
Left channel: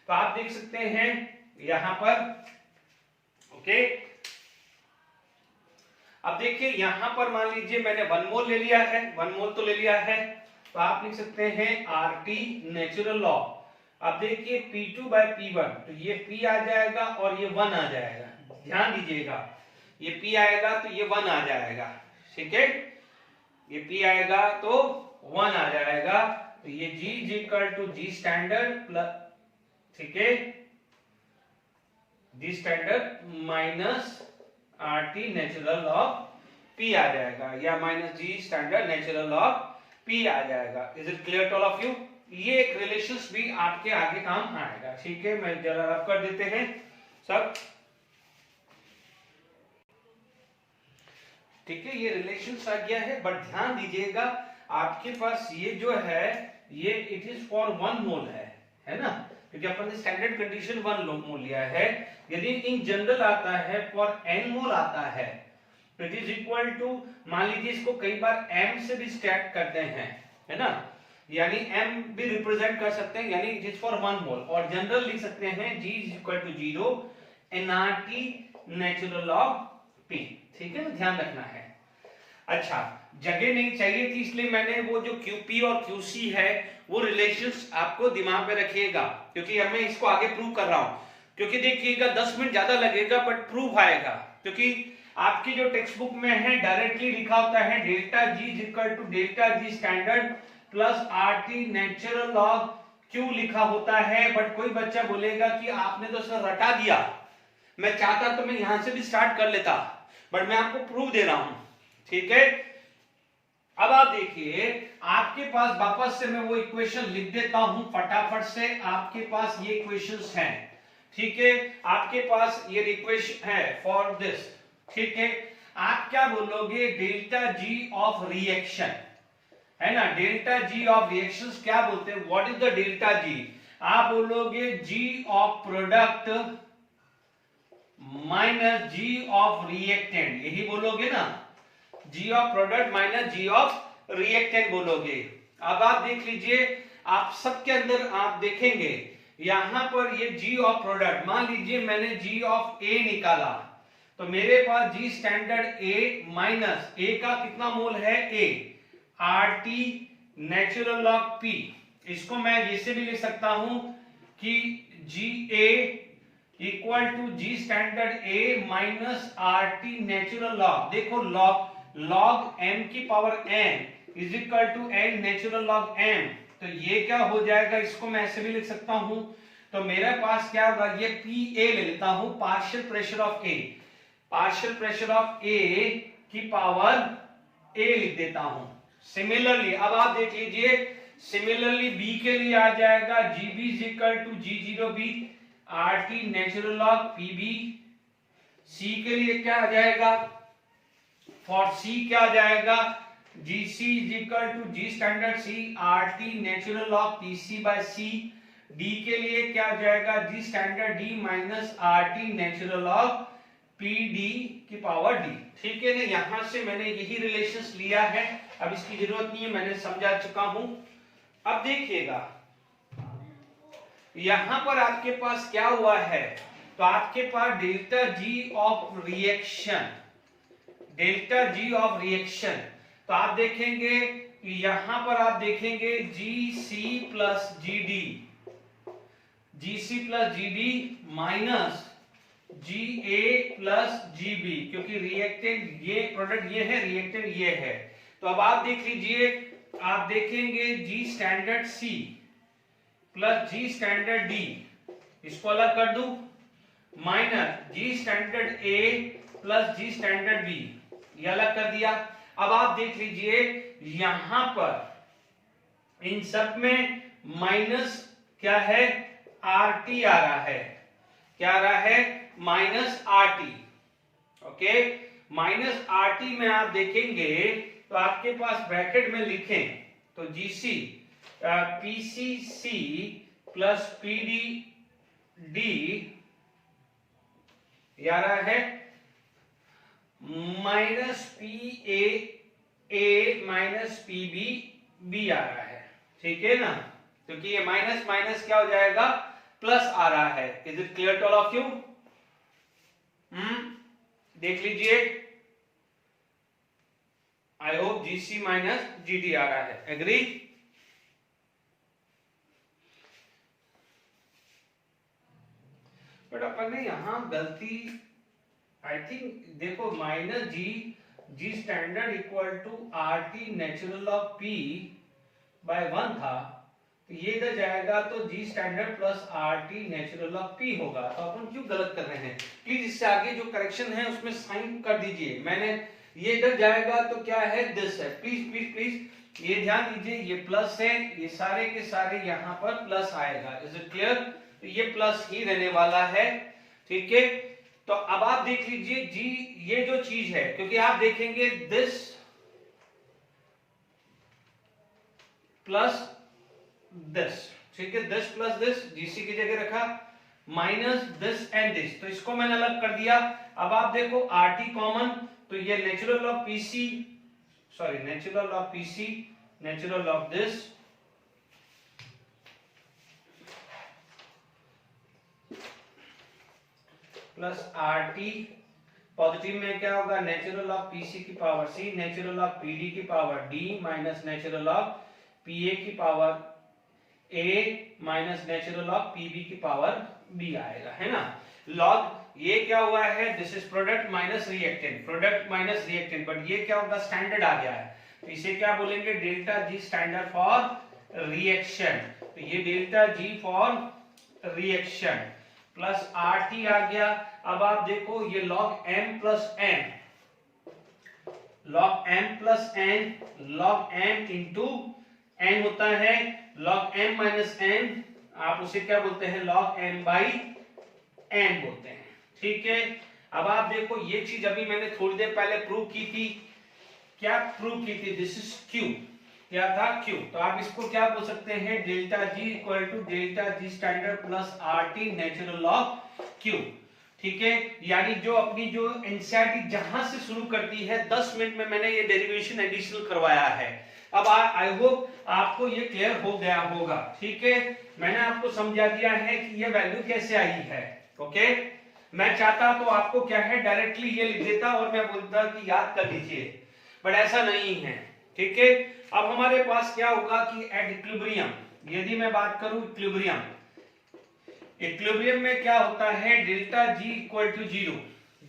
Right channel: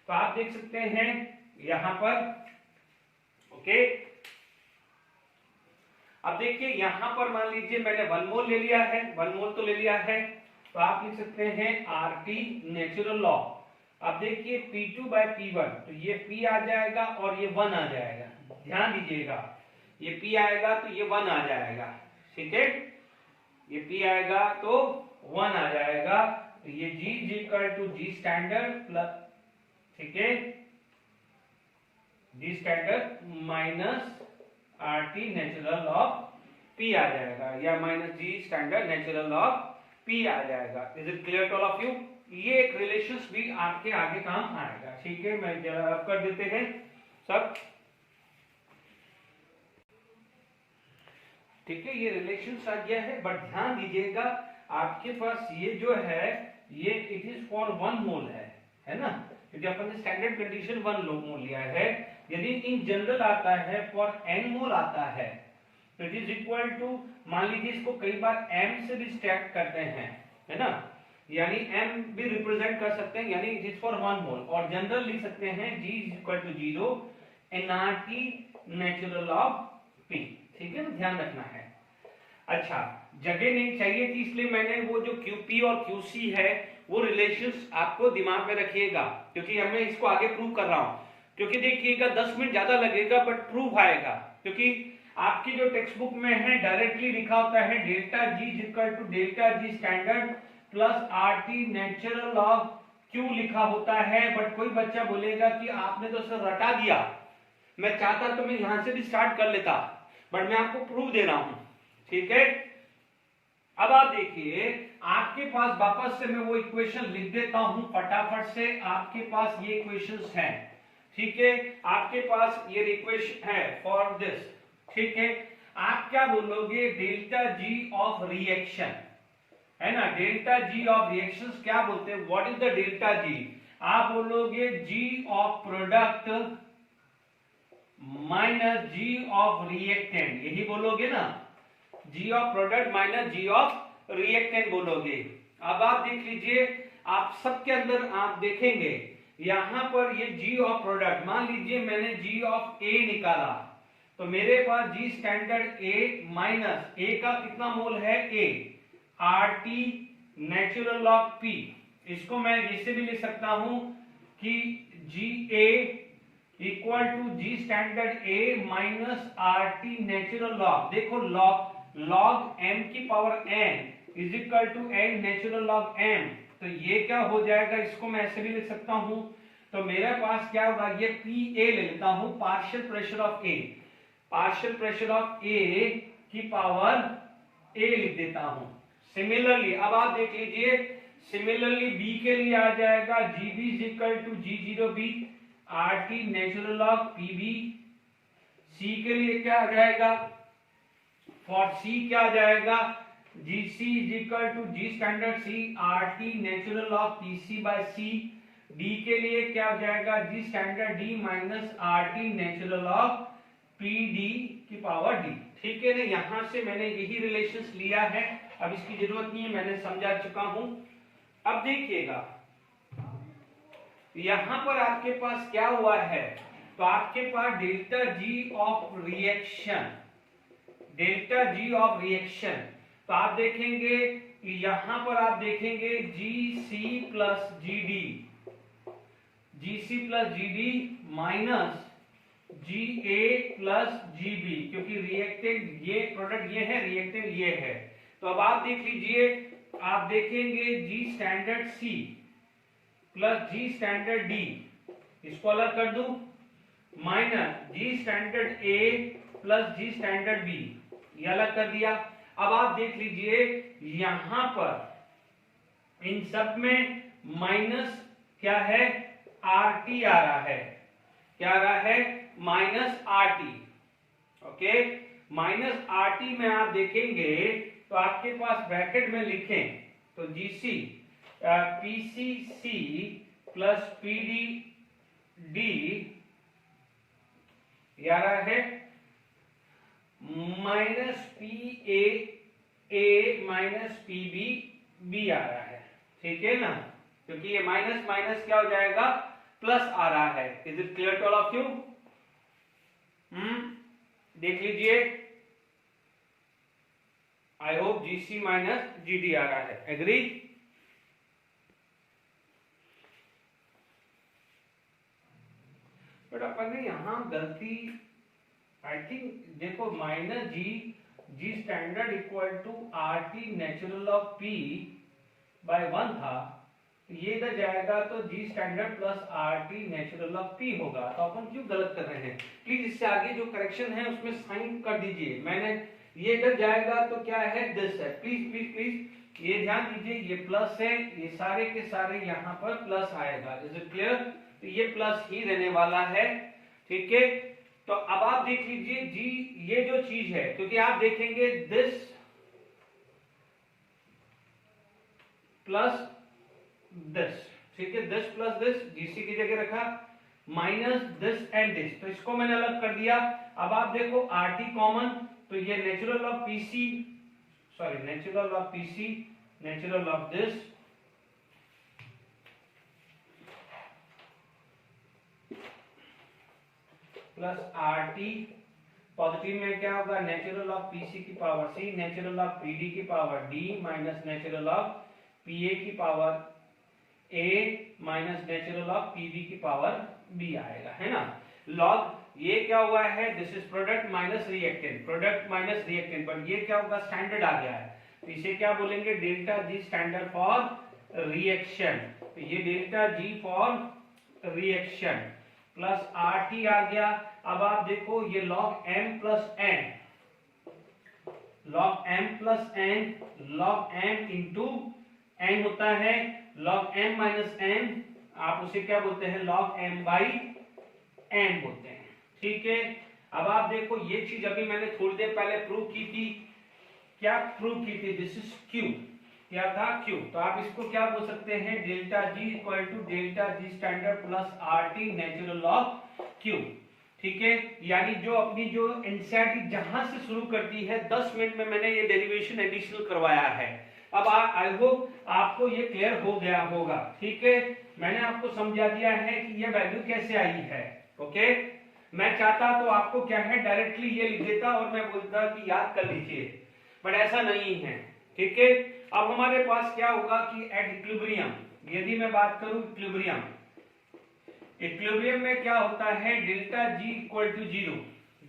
तो आप देख सकते हैं यहां पर, ओके। अब देखिए यहां पर मान लीजिए मैंने 1 मोल ले लिया है, 1 मोल तो ले लिया है, तो आप लिख सकते हैं RT नेचुरल लॉ। अब देखिए P2 बाय P1, तो ये P आ जाएगा और ये 1 आ जाएगा, ध्यान दीजिएगा, ये P आएगा तो ये 1 आ जाएगा, ठीक है, ये P आएगा तो 1 आ जाएगा, तो ये G is equal to G standard plus, ठीक है, G standard minus RT natural of P आ जाएगा, या minus G standard natural of P आ जाएगा। Is it clear to all of you? ये एक रिलेशंस भी आपके आगे काम आएगा, ठीक है। मैं जरा रब कर देते हैं सब, ठीक है, ये रिलेशंस आ गया है, बट ध्यान दीजिएगा आपके पास ये जो है ये इट इज फॉर 1 मोल है ना, क्योंकि अपन ने स्टैंडर्ड कंडीशन 1 मोल लिया है। यदि इन जनरल आता है फॉर n मोल आता है तो इट इज इक्वल टू, मान लीजिए इसको कई बार m से भी स्टैक करते हैं, है ना, यानी m भी रिप्रेजेंट कर सकते हैं, यानी इट इज फॉर 1 मोल, और जनरल लिख सकते हैं G is equal to 0 nRT natural of P, ठीक है ना, ध्यान रखना है। अच्छा, जगह नहीं चाहिए थी इसलिए मैंने वो जो QP और QC है वो रिलेशंस आपको दिमाग में रखिएगा, क्योंकि मैं इसको आगे प्रूव कर रहा हूं, क्योंकि देखिएगा 10 मिनट ज्यादा लगेगा बट प्रूफ आएगा, क्योंकि आपकी जो टेक्स्ट बुक में है डायरेक्टली लिखा होता है delta G is equal to delta G standard plus RT natural log Q लिखा होता है, बट कोई बच्चा बोलेगा कि आपने तो सर रटा दिया, मैं चाहता तो मैं यहां से भी स्टार्ट कर लेता, बट मैं आपको प्रूफ दे रहा हूं, ठीक है। अब आप देखिए आपके पास वापस से मैं वो इक्वेशन लिख देता हूं फटाफट से, आपके पास ये इक्वेशंस हैं, ठीक है, आपके पास ये इक्वेशन है फॉर दिस, ठीक है। आप क्या बोलोगे डेल्टा G ऑफ रिएक्शन, है ना, डेल्टा G ऑफ रिएक्शंस क्या बोलते हैं, what is the delta G, आप बोलोगे G of product minus G of reactant, यही बोलोगे ना, G of product minus G of reactant बोलोगे। अब आप देख लीजिए, आप सबके अंदर आप देखेंगे यहां पर ये G ऑफ प्रोडक्ट, मान लीजिए मैंने G ऑफ A निकाला तो मेरे पास G standard A minus A का कितना मोल है A, RT natural log P, इसको मैं इसे भी लिख सकता हूं कि GA equal to G standard A minus RT natural log, देखो लॉग m की power n is equal to n natural log m, तो ये क्या हो जाएगा, इसको मैं ऐसे भी लिख सकता हूं, तो मेरे पास क्या होगा, ये PA ले लेता हूं, partial pressure of A, partial pressure of A की पावर A लिख देता हूं। सिमिलरली अब आप देख लीजिए, सिमिलरली B के लिए आ जाएगा GB is equal to G0B RT natural log PB, C के लिए क्या आ जाएगा फॉर सी क्या आ जाएगा, GC is equal to G standard C RT natural log PC by C। D के लिए क्या हो जाएगा, G standard D minus RT natural log PD की पावर D। ठीक है ना, यहां से मैंने यही रिलेशंस लिया है, अब इसकी जरूरत नहीं है, मैंने समझा चुका हूं। अब देखिएगा यहां पर आपके पास क्या हुआ है, तो आपके पास delta G of reaction, delta G of reaction, तो आप देखेंगे यहां पर आप देखेंगे GC plus GD, GC plus GD minus GA plus GB, क्योंकि रिएक्टेंट ये प्रोडक्ट ये है, रिएक्टेंट ये है। तो अब आप देख लीजिए, आप देखेंगे G standard C plus G standard D, इसको अलग कर दूं, minus G standard A plus G standard B, ये अलग कर दिया। अब आप देख लीजिए यहां पर इन सब में माइनस क्या है, RT आ रहा है, क्या आ रहा है, minus RT। Okay, minus RT में आप देखेंगे तो आपके पास ब्रैकेट में लिखें तो GC PCC प्लस PDD आ रहा है, माइनस PAA माइनस PBB आ रहा है। ठीक है ना, क्योंकि ये माइनस माइनस क्या हो जाएगा, प्लस आ रहा है। Is it clear to all of you? देख लीजिए, I hope GC minus GD आ रहा है। एग्री? बट अपन ने यहां गलती, आई थिंक देखो, minus G standard equal to RT natural of P by 1 था, तो ये इधर जाएगा तो G standard plus RT natural of P होगा। तो अपन क्यों गलत कर रहे हैं? प्लीज इससे आगे जो करेक्शन है उसमें साइन कर दीजिए। मैंने ये इधर जाएगा तो क्या है, दिस है। प्लीज प्लीज प्लीज ये ध्यान दीजिए, ये प्लस है, ये सारे के सारे यहाँ पर प्लस आएगा। Is it clear? तो ये प्लस ही रहने वाला है। ठीक है, तो अब आप देख लीजिए जी, ये जो चीज है, क्योंकि आप देखेंगे दिस प्लस दिस, ठीक है, दिस प्लस दिस GC की जगह रखा, माइनस दिस एंड दिस, तो इसको मैंने अलग कर दिया। अब आप देखो RT कॉमन, तो ये natural of PC, sorry natural of PC, natural of this plus RT, positive में क्या होगा, नेचुरल ऑफ PC की power C, natural of PD की power D minus natural of PA की power A minus natural of PB की power B आएगा, है ना। लॉग ये क्या हुआ है, this is product minus reactant, product minus reactant, but ये क्या होगा, स्टैंडर्ड आ गया है, तो इसे क्या बोलेंगे, delta G standard for reaction. तो ये delta G for reaction plus RT आ गया। अब आप देखो ये log M plus N, log M plus N, log M into N होता है, log M माइनस N आप उसे क्या बोलते हैं, log M बाई N बोलते हैं। ठीक है, अब आप देखो ये चीज अभी मैंने थोड़ी देर पहले प्रूव की थी, क्या प्रूव की थी, दिस इज Q, क्या था, Q। तो आप इसको क्या बोल सकते हैं, delta G equal to delta G standard plus RT natural of Q। ठीक है, यानी जो अपनी जो एनसीईआरटी जहां से शुरू करती है 10 मिनट में मैंने ये डेरिवेशन एडिशनल करवाया है। अब आई होप आपको ये क्लियर हो गया होगा। ठीक है, मैंने आपको समझा दिया है कि ये वैल्यू कैसे आई है। ओके, मैं चाहता तो आपको क्या है, डायरेक्टली ये लिख देता और मैं बोलता कि याद कर लीजिए, बट ऐसा नहीं है। ठीक है, अब हमारे पास क्या होगा कि एट इक्विलिब्रियम, यदि मैं बात करूं इक्विलिब्रियम, इक्विलिब्रियम में क्या होता है, delta G equal to 0,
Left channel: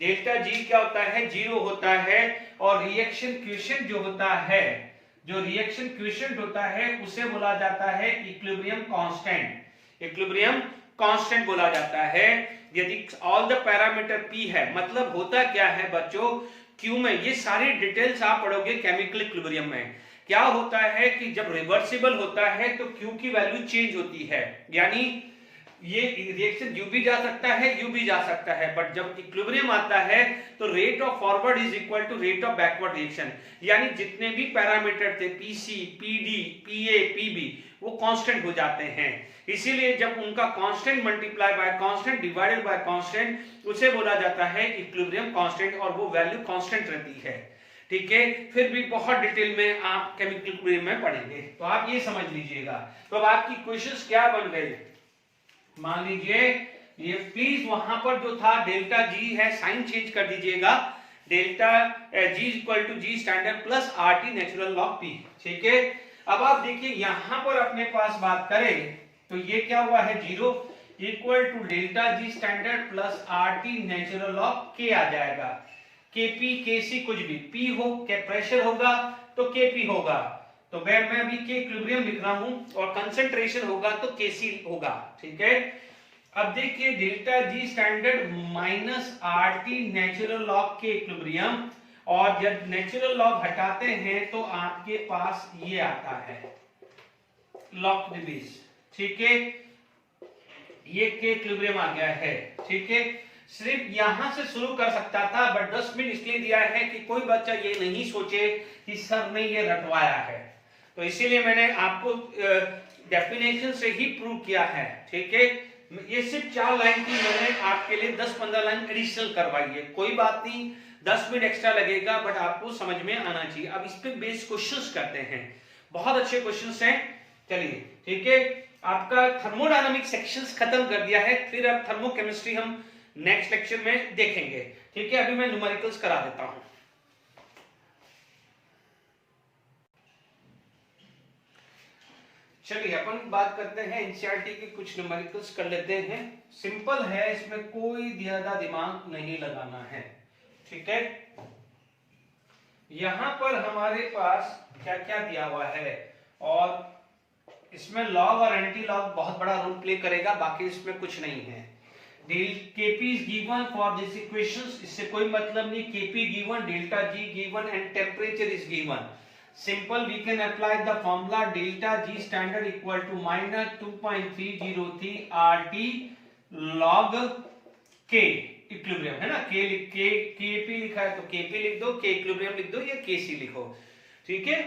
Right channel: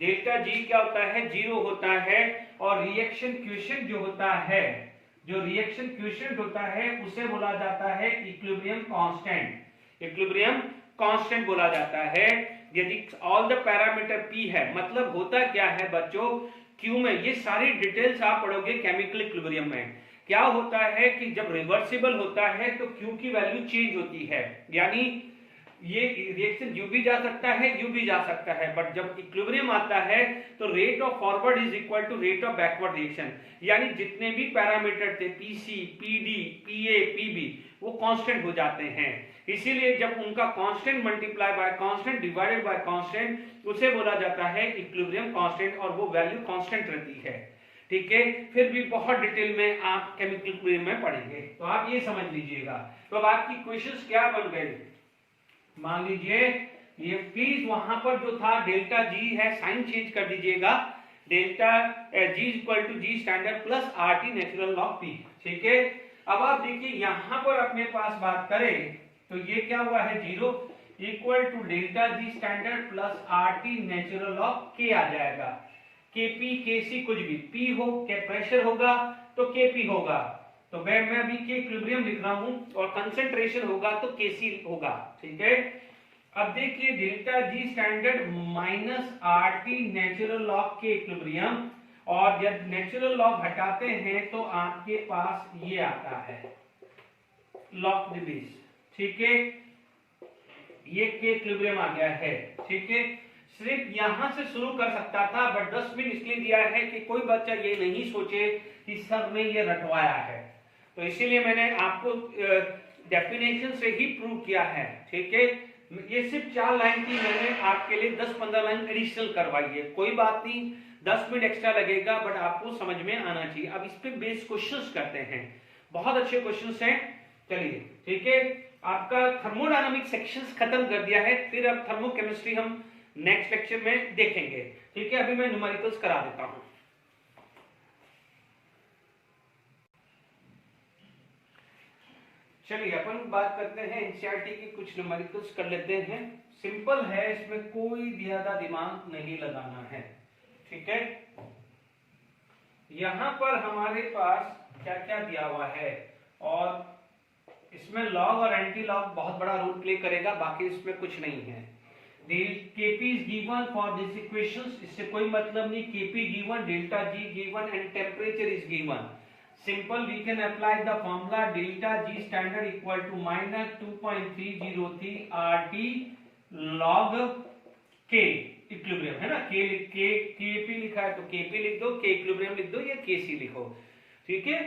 delta G क्या होता है, 0 होता है, और रिएक्शन क्वोशिएंट जो होता है, जो रिएक्शन क्वोशिएंट होता है उसे बोला जाता है इक्विलिब्रियम कांस्टेंट, इक्विलिब्रियम कांस्टेंट बोला जाता है। यदि ऑल द पैरामीटर P है, मतलब होता क्या है बच्चों, Q में ये सारी डिटेल्स आप पढ़ोगे केमिकल इक्विलिब्रियम में। क्या होता है कि जब रिवर्सिबल होता है तो Q की वैल्यू चेंज होती है, यानी ये रिएक्शन यू भी जा सकता है, यू भी जा सकता है, बट जब इक्विलिब्रियम आता है तो rate of forward is equal to rate of backward reaction, यानी जितने भी पैरामीटर थे पीसी, पीडी, पीए, पीबी, वो कांस्टेंट हो जाते हैं। इसीलिए जब उनका constant multiply by constant divided by constant, उसे बोला जाता है इक्विलिब्रियम कांस्टेंट, और वो वैल्यू कांस्टेंट रहती है। ठीक है, फिर भी बहुत डिटेल में आप केमिकल इक्विलिब्रियम में पढ़ेंगे, तो आप ये समझ लीजिएगा। तो अब आपकी क्वेश्चंस क्या बन गए, मान लीजिए ये प्लीज वहां पर जो था डेल्टा जी है, साइन चेंज कर दीजिएगा, delta G equal to G standard plus R T natural log P. ठीक है, अब आप देखिए यहां पर अपने पास बात करें तो ये क्या हुआ है, 0 equal to delta G standard plus R T natural log के आ जाएगा। केपी केसी कुछ भी, पी हो के प्रेशर होगा तो केपी होगा, तो मैं अभी के इक्विलिब्रियम लिख रहा हूं, और कंसंट्रेशन होगा तो केसी होगा। ठीक है, अब देखिए delta G standard minus are T natural log के इक्विलिब्रियम, और जब नेचुरल लॉग हटाते हैं तो आपके पास ये आता है लॉग डिवीज। ठीक है, ये के इक्विलिब्रियम आ गया है। ठीक है, सिर्फ यहां से शुरू कर सकता था, बट 10 मिनट इसलिए दिया है कि कोई बच्चा ये नहीं सोचे कि सर ने ये रटवाया है, तो इसीलिए मैंने आपको डेफिनेशन से ही प्रूव किया है। ठीक है, ये सिर्फ 4 लाइन की मैंने आपके लिए 10-15 लाइन एडिशनल करवाई है, कोई बात नहीं, 10 मिनट एक्स्ट्रा लगेगा, बट आपको समझ में आना चाहिए। अब इस पे बेस क्वेश्चंस करते हैं, बहुत अच्छे क्वेश्चंस हैं। चलिए, ठीक है, आपका थर्मोडायनामिक सेक्शंस खत्म कर दिया है, फिर अब थर्मोकेमिस्ट्री हम नेक्स्ट लेक्चर में देखेंगे। ठीक है, अभी मैं न्यूमेरिकल्स करा देता हूं। चलिए अपन बात करते हैं एनसीईआरटी के कुछ न्यूमेरिकल्स कर लेते हैं। सिंपल है, इसमें कोई ज्यादा दिमाग नहीं लगाना है। ठीक है, यहां पर हमारे पास क्या क्या दिया हुआ है, और इसमें लॉग और एंटी लॉग बहुत बड़ा रोल प्ले करेगा, बाकी इसमें कुछ नहीं है। Kp is given for this equations, इससे कोई मतलब नहीं, Kp given, delta G given and temperature is given. Simple, we can apply the formula delta G standard equal to minus 2.303 RT log K equilibrium, है ना, Kp लिखा है तो Kp लिख दो, K equilibrium लिख दो, या Kc लिखो। ठीक है,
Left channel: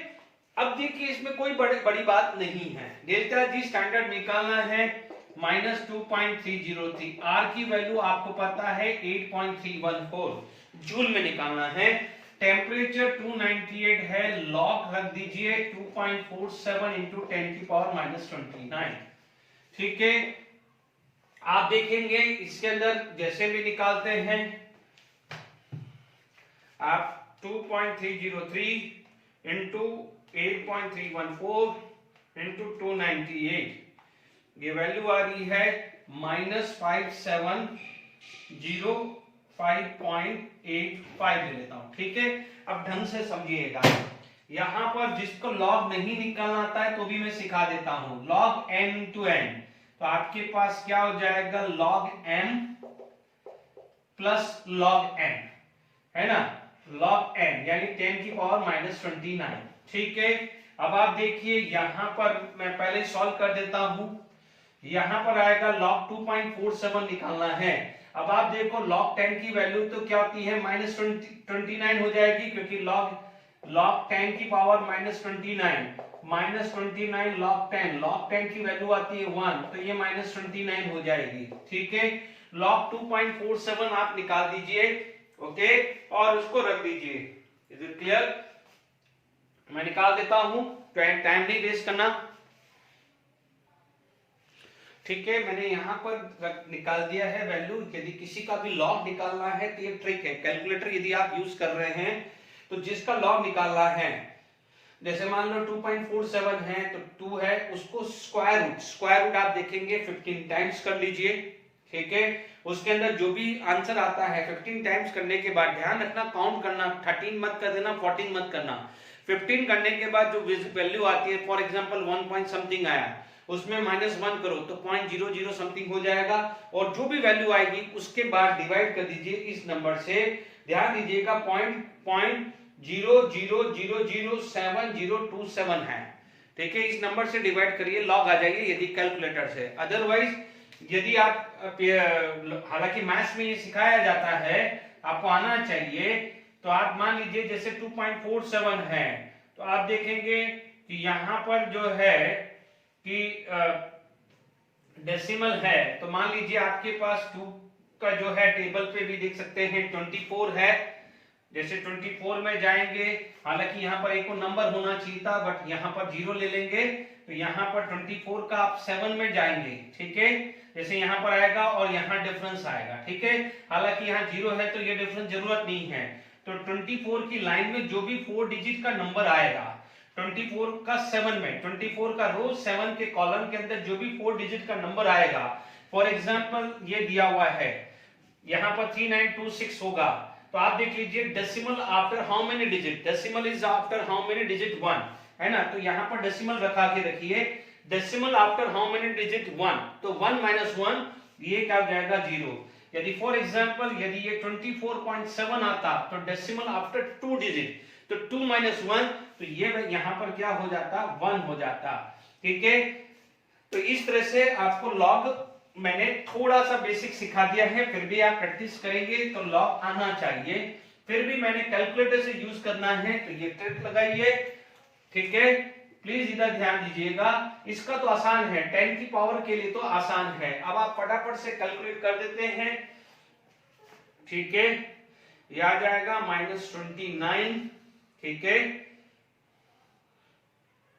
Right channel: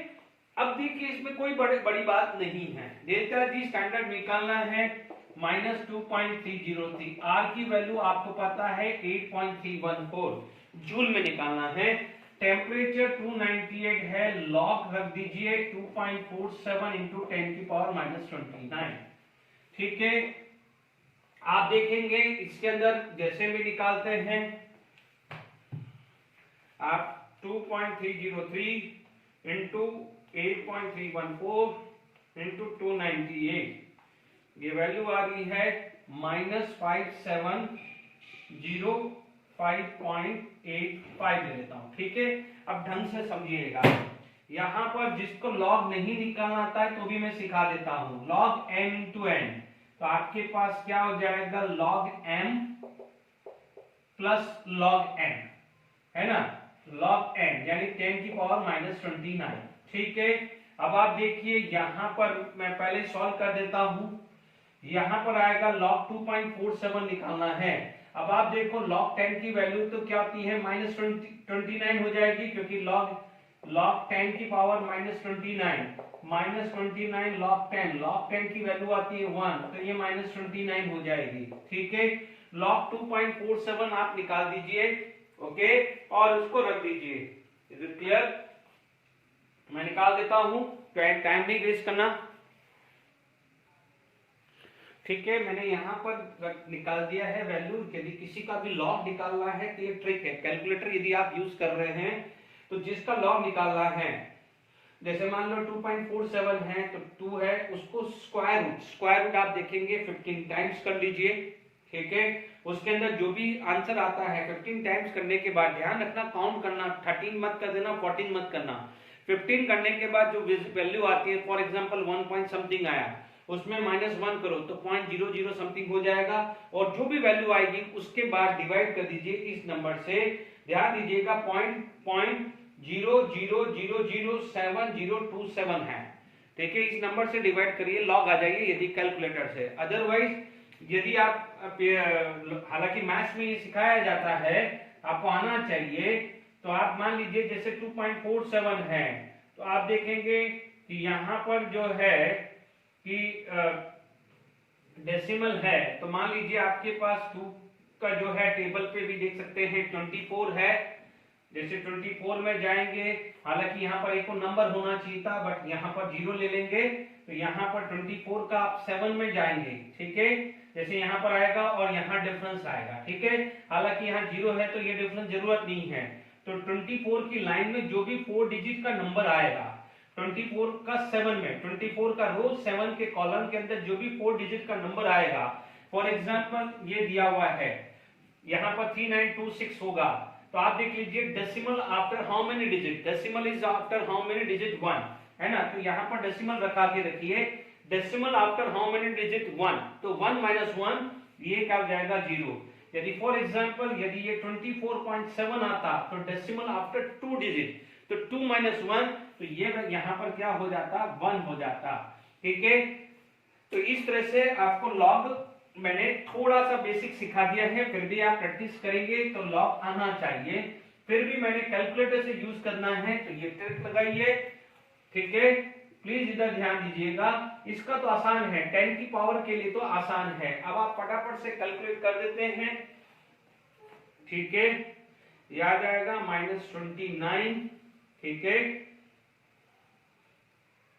अब देखिए इसमें कोई बड़ी बात नहीं है। डेल्टा जी स्टैंडर्ड निकालना है माइनस 2.303, आर की वैल्यू आपको पता है 8.314 जूल में निकालना है, टेम्परेचर 298 है, लॉग रख दीजिए 2.47 इंटू 10 की पावर माइनस 29। ठीक है, आप देखेंगे इसके अंदर जैसे भी निकालते हैं आप 2.303 इंटू 8.314 इंटू 298, ये वैल्यू आ रही है माइनस 5705.85 ले लेता हूं। ठीक है, अब ढंग से समझिएगा, यहां पर जिसको लॉग नहीं निकालना आता है तो भी मैं सिखा देता हूं, लॉग m इंटू n, तो आपके पास क्या हो जाएगा, log m plus log n, है ना, लॉग n यानी 10 की पावर माइनस 29। ठीक है, अब आप देखिए यहां पर मैं पहले सॉल्व कर देता हूं, यहां पर आएगा log 2.47 निकालना है। अब आप देखो log 10 की वैल्यू तो क्या होती है, माइनस 29 हो जाएगी, क्योंकि log 10 की पावर माइनस 29, माइनस 29 log 10 की वैल्यू आती है 1, तो ये माइनस 29 हो जाएगी। ठीक है, log 2.47 आप निकाल दीजिए, ओके, और उसको रख दीजिए। Is it clear? मैं निकाल देता हूं, टाइम नहीं वेस्ट करना। ठीक है, मैंने यहां पर निकाल दिया है वैल्यू। यदि किसी का भी लॉग निकालना है तो ये ट्रिक है, कैलकुलेटर यदि आप यूज कर रहे हैं तो जिसका लॉग निकालना है, जैसे मान लो 2.47 है तो 2 है, उसको स्क्वायर रूट आप देखेंगे 15 टाइम्स कर लीजिए। ठीक है, उसके अंदर जो भी आंसर आता है 15 टाइम्स करने के बाद ध्यान रखना, काउंट करना, 13 मत कर देना, 14 मत करना। 15 करने के बाद जो वैल्यू आती है, फॉर एग्जांपल 1 पॉइंट समथिंग आया, उसमें -1 करो तो 0.00 समथिंग हो जाएगा, और जो भी वैल्यू आएगी उसके बाद डिवाइड कर दीजिए इस नंबर से। ध्यान दीजिएगा 0.00007027 है। ठीक है, इस नंबर से डिवाइड करिए, लॉग आ जाइए यदि कैलकुलेटर से, अदरवाइज यदि आप हालांकि मैथ्स में ये सिखाया जाता है, आपको आना चाहिए, तो आप मान लीजिए जैसे 2.47 है, तो आप देखेंगे कि यहाँ पर जो है कि डेसिमल है, तो मान लीजिए आपके पास 2 का जो है टेबल पे भी देख सकते हैं 24 है, जैसे 24 में जाएंगे, हालांकि यहाँ पर एक को नंबर होना चाहिए था बट यहाँ पर 0 ले लेंगे, तो यहाँ पर 24 का आप 7 में जाएंगे, ठीक है, जैसे यहाँ पर आएगा और यहाँ डिफरेंस आएगा, ठीक है, हालांकि यहाँ 0 है तो ये डिफरेंस जरूरत नहीं है, तो 24 की लाइन में जो भी 4 डिजिट का नंबर आएगा, 24 का 7 में, 24 का रो 7 के कॉलम के अंदर जो भी 4 डिजिट का नंबर आएगा, फॉर एग्जांपल ये दिया हुआ है, यहाँ पर 3926 होगा, तो आप देख लीजिए decimal after how many digit, decimal is after how many digit 1, है ना, तो यहाँ पर डेसिमल रखा के रखिए, decimal after how many digit 1, तो 1 माइनस 1 ये क्या हो जाएगा 0, यदि फॉर एग्जांपल यदि ये 24.7 आता तो डेसिमल आफ्टर 2 डिजिट, तो 2 माइनस 1, तो ये यहाँ पर क्या हो जाता 1 हो जाता, ठीक है, तो इस तरह से आपको लॉग मैंने थोड़ा सा बेसिक सिखा दिया है, फिर भी आप प्रैक्टिस करेंगे तो लॉग आना चाहिए, फिर भी मैंने कैलकुलेटर से यूज करना है, तो ये ट्रिक लगाइए, ठीक है, प्लीज इधर ध्यान दीजिएगा, इसका तो आसान है, 10 की पावर के लिए तो आसान है, अब आप फटाफट से कैलकुलेट कर देते हैं, ठीक है, ये आ जाएगा -29, ठीक है,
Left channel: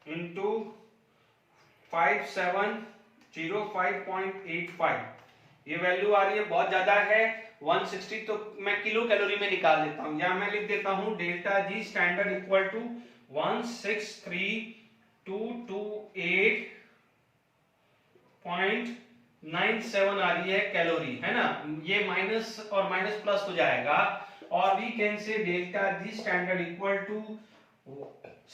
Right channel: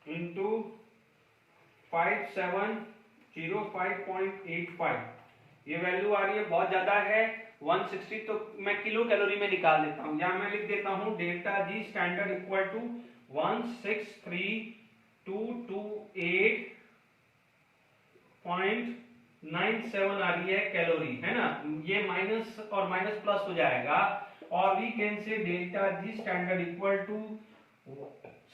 इंटू 5705.85, ये वैल्यू आ रही है, बहुत ज्यादा है 160, तो मैं किलो कैलोरी में निकाल देता हूं, या मैं लिख देता हूं delta G standard equal to 163,228.97 आ रही है कैलोरी, है ना, ये माइनस और माइनस प्लस हो जाएगा, और we can say delta G standard equal to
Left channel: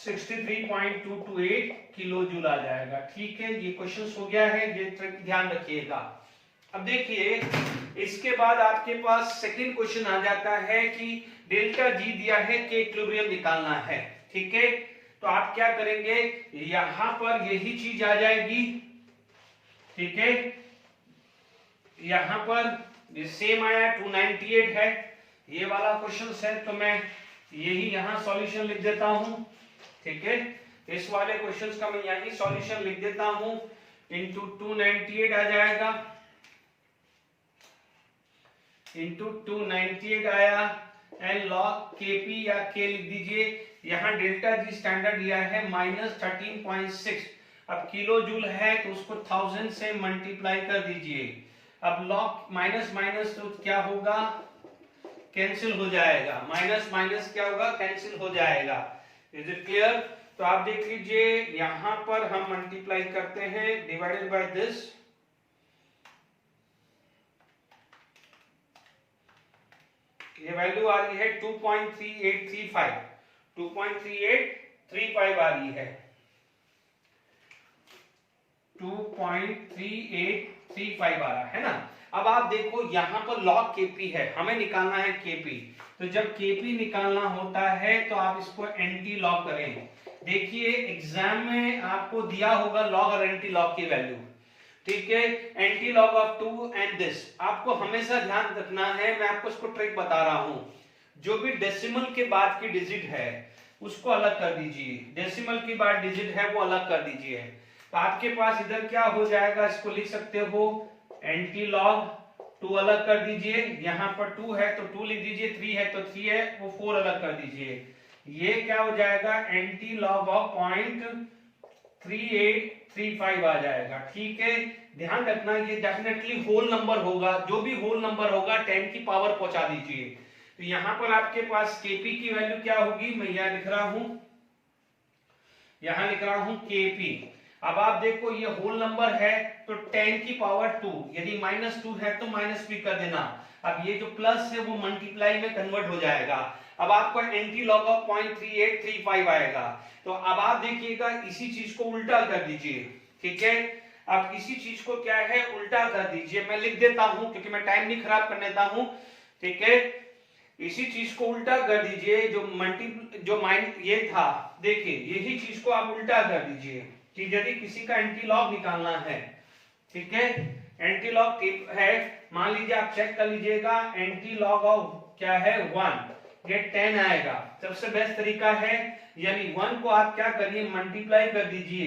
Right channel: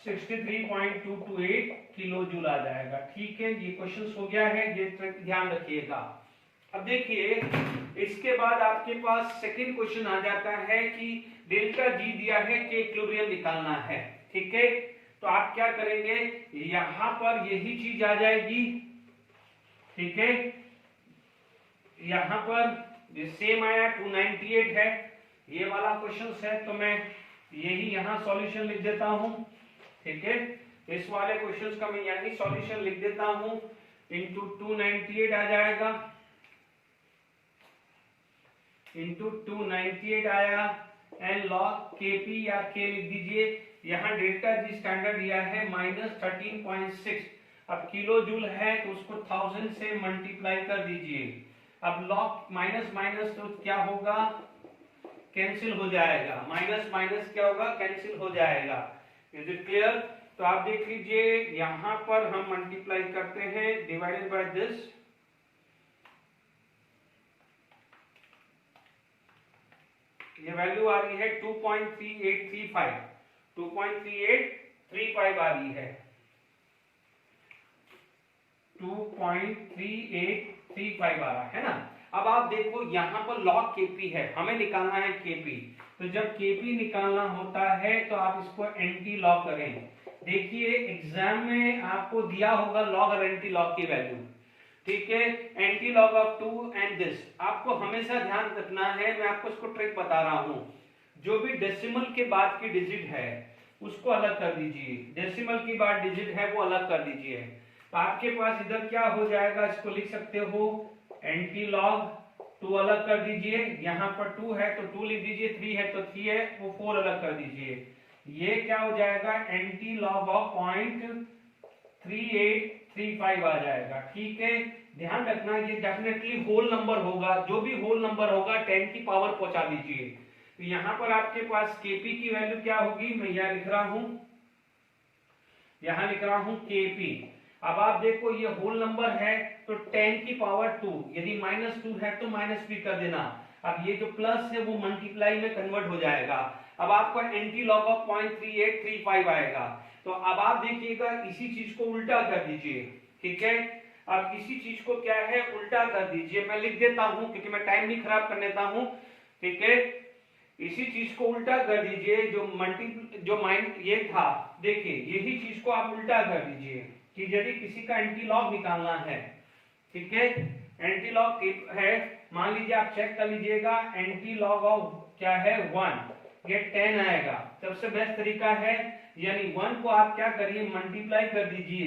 63.228 kilo joule आ जाएगा, ठीक है, ये क्वेश्चन हो गया है, ये ट्रिक ध्यान रखिएगा। अब देखिए इसके बाद आपके पास सेकंड क्वेश्चन आ जाता है कि डेल्टा जी दिया है कि इक्विलिब्रियम निकालना है, ठीक है, तो आप क्या करेंगे, यहां पर यही चीज आ जाएगी, ठीक है, यहां पर सेम आया 298 है, ये वाला क्वेश्चन है, तो मैं यही यहां सॉल्यूशन लिख देता हूं, ठीक है, इस वाले क्वेश्चंस का मैं यही सॉल्यूशन लिख देता हूं, इंटू 298 आ जाएगा, इंटू 298 आया, एंड लॉग केपी या के लिख दीजिए, यहां डेल्टा जी स्टैंडर्ड दिया है -13.6, अब किलो जूल है तो उसको 1000 से मल्टीप्लाई कर दीजिए, अब लॉग माइनस माइनस तो क्या होगा, कैंसिल हो जाएगा, माइनस माइनस क्या होगा, कैंसिल हो जाएगा, इज इट क्लियर, तो आप देख लीजिए यहां पर हम मल्टीप्लाई करते हैं डिवाइडेड बाय दिस, ये वैल्यू आ रही है 2.3835, 2.3835 आ रही है, 2.3835 आ रहा है ना। अब आप देखो यहाँ पर log kp है, हमें निकालना है kp, तो जब kp निकालना होता है तो आप इसको एंटी लॉग करें, देखिए एग्जाम में आपको दिया होगा log और एंटी लॉग की वैल्यू, ठीक है, anti log of 2 and this, आपको हमेशा ध्यान रखना है, मैं आपको इसको ट्रिक बता रहा हूं, जो भी डेसिमल के बाद की डिजिट है उसको अलग कर दीजिए, डेसिमल के बाद डिजिट है वो अलग कर दीजिए, तो आपके पास इधर क्या हो जाएगा, इसको लिख सकते हो एंटी लॉग 2 अलग कर दीजिए, यहाँ पर 2 है तो 2 लिख दीजिए, 3 है तो 3 है, वो 4 अलग कर दीजिए, ये क्या हो जाएगा एंटी लॉग ऑफ 0.3835 आ जाएगा, ठीक है, ध्यान रखना ये डेफिनेटली होल नंबर होगा, जो भी होल नंबर होगा 10 की पावर पहुंचा दीजिए, तो यहाँ पर आपके पास kp की वैल्यू क्या होगी, मैं यहाँ लिख रहा हूं, यहाँ लिख रहा हूं kp, अब आप देखो ये होल नंबर है तो 10 की पावर 2, यदि -2 है तो माइनस भी कर देना, अब ये जो प्लस है वो मल्टीप्लाई में कन्वर्ट हो जाएगा, अब आपको एंटी लॉग ऑफ 0.3835 आएगा, तो अब आप देखिएगा इसी चीज को उल्टा कर दीजिए, ठीक है, अब इसी चीज को क्या है उल्टा कर दीजिए, मैं लिख देता हूं क्योंकि मैं टाइम नहीं खराब कर लेता हूं, ठीक है, इसी चीज को उल्टा कर दीजिए, जो माइन ये था, देखिए यही चीज को आप उल्टा कर दीजिए कि यदि किसी का एंटी लॉग निकालना है, ठीक है, एंटी लॉग है, मान लीजिए आप चेक कर लीजिएगा, एंटी लॉग ऑफ क्या है 1, ये 10 आएगा। सबसे बेस्ट तरीका है, यानी 1 को आप क्या करिए मल्टीप्लाई कर दीजिए,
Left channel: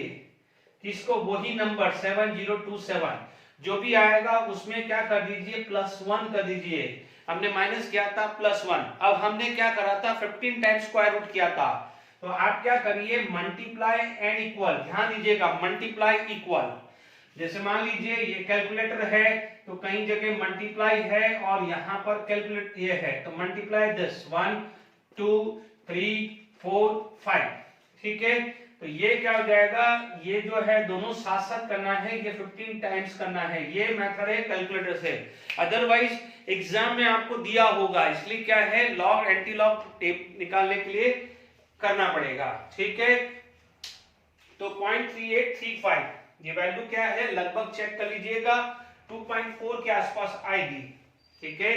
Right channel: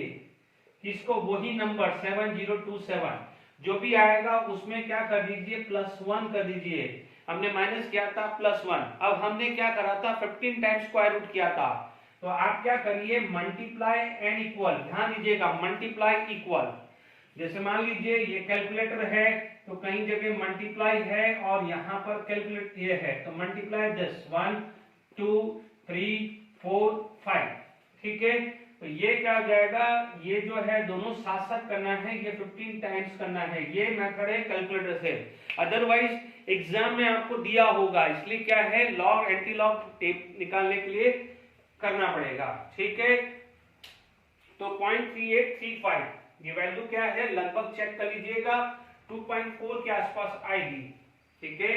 किसको, वही नंबर 7027 जो भी आएगा उसमें क्या कर दीजिए +1 कर दीजिए। हमने माइनस किया था +1, अब हमने क्या करा था 15 टाइम्स स्क्वायर रूट किया था, तो आप क्या करिए मल्टीप्लाई एंड इक्वल, ध्यान दीजिएगा मल्टीप्लाई इक्वल, जैसे मान लीजिए ये कैलकुलेटर है तो कहीं जगह मल्टीप्लाई है और यहाँ पर कैलकुलेट ये है, तो मल्टीप्लाई 10 1 2 3 4 5, ठीक है। तो ये क्या हो जाएगा, ये जो है दोनों साथ साथ करना है, ये 15 टाइम्स करना है, ये मेथड है कैलकुलेटर से। अदरवाइज एग्जाम में आपको दिया होगा, इसलिए क्या है लॉग एंटी लॉग टेप निकालने के लिए करना पड़ेगा, ठीक है। तो 0.3835 ये वैल्यू क्या है, लगभग चेक कर लीजिएगा 2.4 के आसपास आएगी, ठीक है।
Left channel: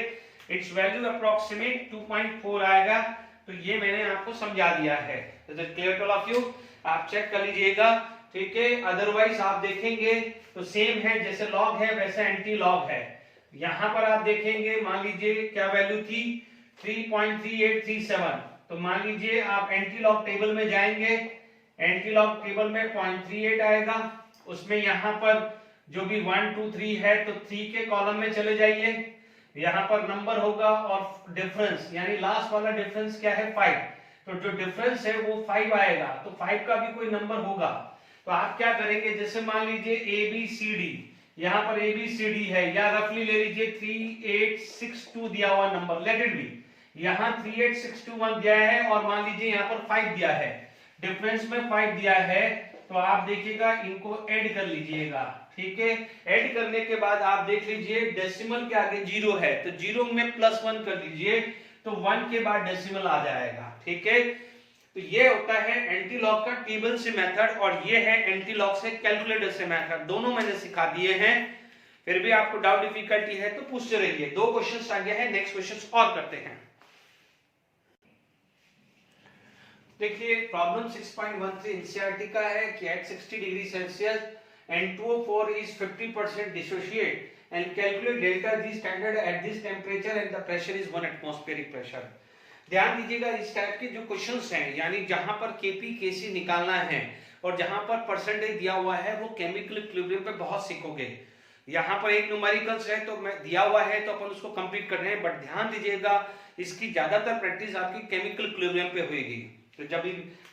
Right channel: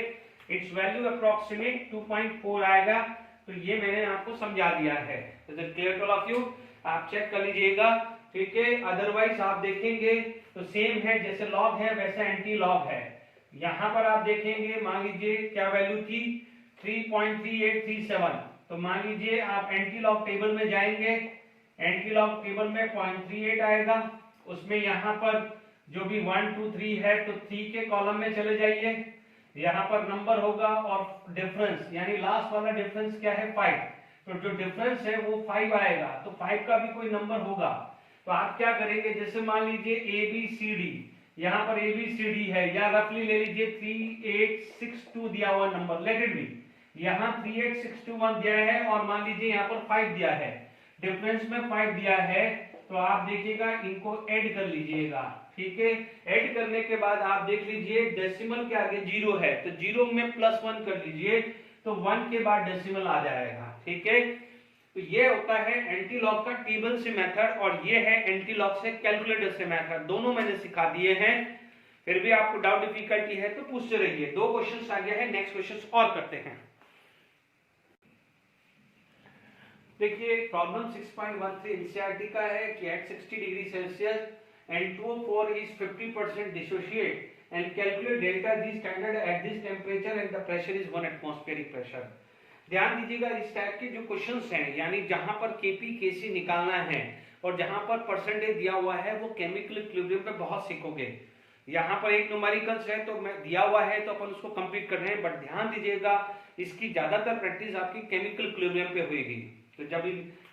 इट्स वैल्यू अप्रोक्सीमेट 2.4 आएगा, तो ये मैंने आपको समझा दिया है। Clear to all of you, आप चेक कर लीजिएगा, ठीक है। अदरवाइज आप देखेंगे तो सेम है, जैसे लॉग है वैसे एंटी लॉग है। यहां पर आप देखेंगे, मान लीजिए क्या वैल्यू थी 3.3837, तो मान लीजिए आप एंटी लॉग टेबल में जाएंगे, एंटी लॉग टेबल में 0.38 आएगा, उसमें यहाँ पर जो भी 1 2 3 है तो 3 के कॉलम में चले जाइए, यहाँ पर नंबर होगा और डिफरेंस यानी लास्ट वाला डिफरेंस क्या है 5, तो जो डिफरेंस है वो 5 आएगा, तो 5 का भी कोई नंबर होगा, तो आप क्या करेंगे, जैसे मान लीजिए ABCD, यहाँ पर ABCD है, या रफली ले लीजिए 3862 दिया हुआ नंबर, लेट इट बी, यहाँ 38621 दिया है और मान लीजिए यहाँ पर 5 दिया है, डिफरेंस में 5 दिया है, तो आप देखिएगा इनको ऐड कर लीजिएगा, ठीक है। ऐड करने के बाद आप देख लीजिए डेसिमल के आगे 0 है, तो 0 में +1 कर दीजिए, तो 1 के बाद डेसिमल आ जाएगा, ठीक है। तो ये होता है एंटी लॉग का टेबल से मेथड, और ये है एंटी लॉग से कैलकुलेटर से मेथड, दोनों मैंने सिखा दिए हैं। फिर भी आपको डाउट डिफिकल्टी है तो पूछते रहिए। 2 क्वेश्चंस आ गया है, नेक्स्ट क्वेश्चंस और करते हैं। देखिए प्रॉब्लम 6.13 एनसीईआरटी का है कि at 60 degree Celsius and 204 is 50% dissociate and calculate delta G standard at this temperature and the pressure is 1 atmospheric pressure। ध्यान दीजिएगा, इस टाइप के जो क्वेश्चंस हैं, यानी जहां पर केपी केसी निकालना है और जहां पर परसेंटेज दिया हुआ है, वो केमिकल इक्विलिब्रियम पे बहुत सीखोगे। यहाँ पर एक न्यूमेरिकल्स है तो मैं दिया हुआ है तो अपन उसको कंप्लीट कर रहे हैं, बट ध्यान दीजिएगा इसकी ज्यादातर प्रैक्टिस आपकी केमिकल इक्विलिब्रियम पे होगी, तो जब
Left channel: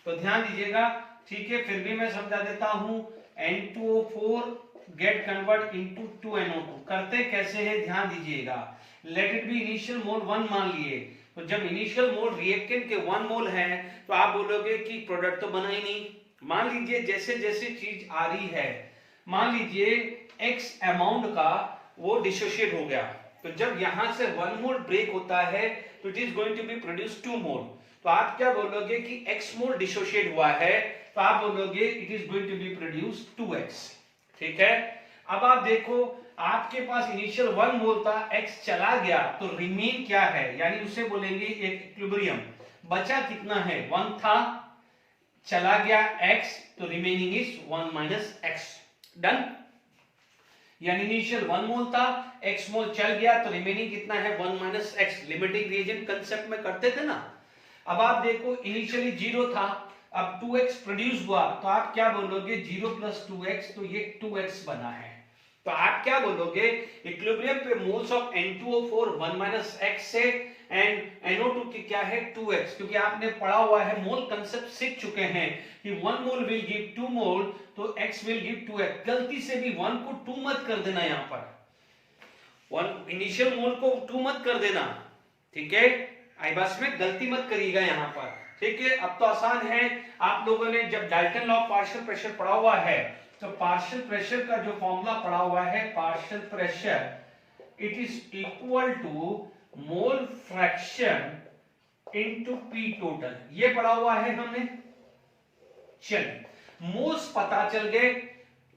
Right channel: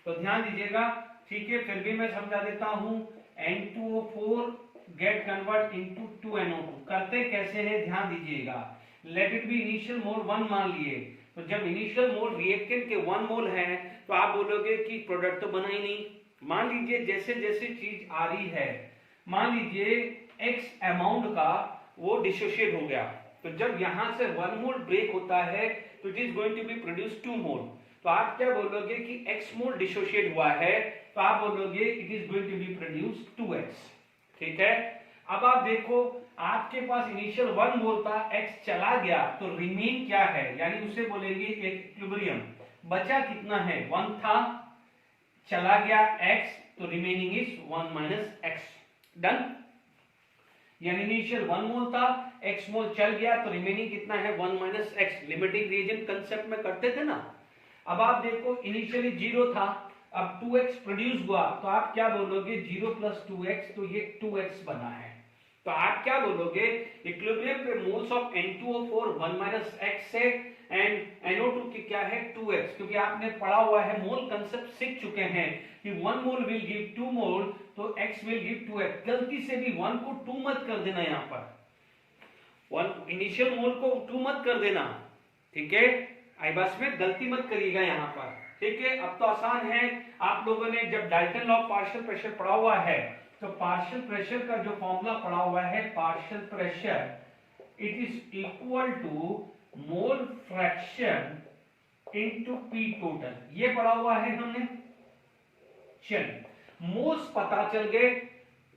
तो ध्यान दीजिएगा, ठीक है। फिर भी मैं समझा देता हूं, N2O4 gate convert into 2NO2, करते कैसे है ध्यान दीजिएगा। लेट इट बी इनिशियल मोल 1 मान लिए, तो जब इनिशियल मोल रिएक्टेंट के 1 मोल है तो आप बोलोगे कि प्रोडक्ट तो बना ही नहीं। मान लीजिए जैसे जैसे चीज आ रही है, मान लीजिए X अमाउंट का वो डिसोशिएट हो गया, तो जब यहां से 1 मोल ब्रेक होता है तो it is going to be produce 2 mole, तो आप क्या बोलोगे कि X मोल डिसोशिएट हुआ है, तो आप बोलोगे it is going to be produce 2X, ठीक है। अब आप देखो, आपके पास इनिशियल 1 मोल था, X चला गया तो रिमेन क्या है, यानी उसे बोलेंगे एक इक्विलिब्रियम। बचा कितना है, 1 था, चला गया X, तो remaining is 1 minus X, done. यानी इनिशियल 1 मोल था, X मोल चल गया तो रिमेनिंग कितना है 1 minus X। Limiting reagent concept में करते थे ना। अब आप देखो इनिशियली 0 था, अब 2x प्रोड्यूस हुआ, तो आप क्या बोलोगे 0 प्लस 2x, तो ये 2x बना है। तो आप क्या बोलोगे, इक्विलिब्रियम पे moles of N2O4 1 minus x से एंड NO2 की क्या है 2x, क्योंकि आपने पढ़ा हुआ है, मोल कंसेप्ट सीख चुके हैं कि 1 मोल विल गिव 2 मोल, तो x विल गिव 2x। गलती से भी 1 को 2 मत कर देना, यहां पर 1 इनिशियल मोल को 2 मत कर देना, ठीक है। आई बस में गलती मत करिएगा यहाँ पर, ठीक है। अब तो आसान है, आप लोगों ने जब Dalton law of partial pressure पढ़ा हुआ है, तो पार्शियल प्रेशर का जो फॉर्मूला पढ़ा हुआ है, partial pressure it is equal to mole fraction into P total, ये पढ़ा हुआ है हमने। चलिए मोल्स पता चल गए,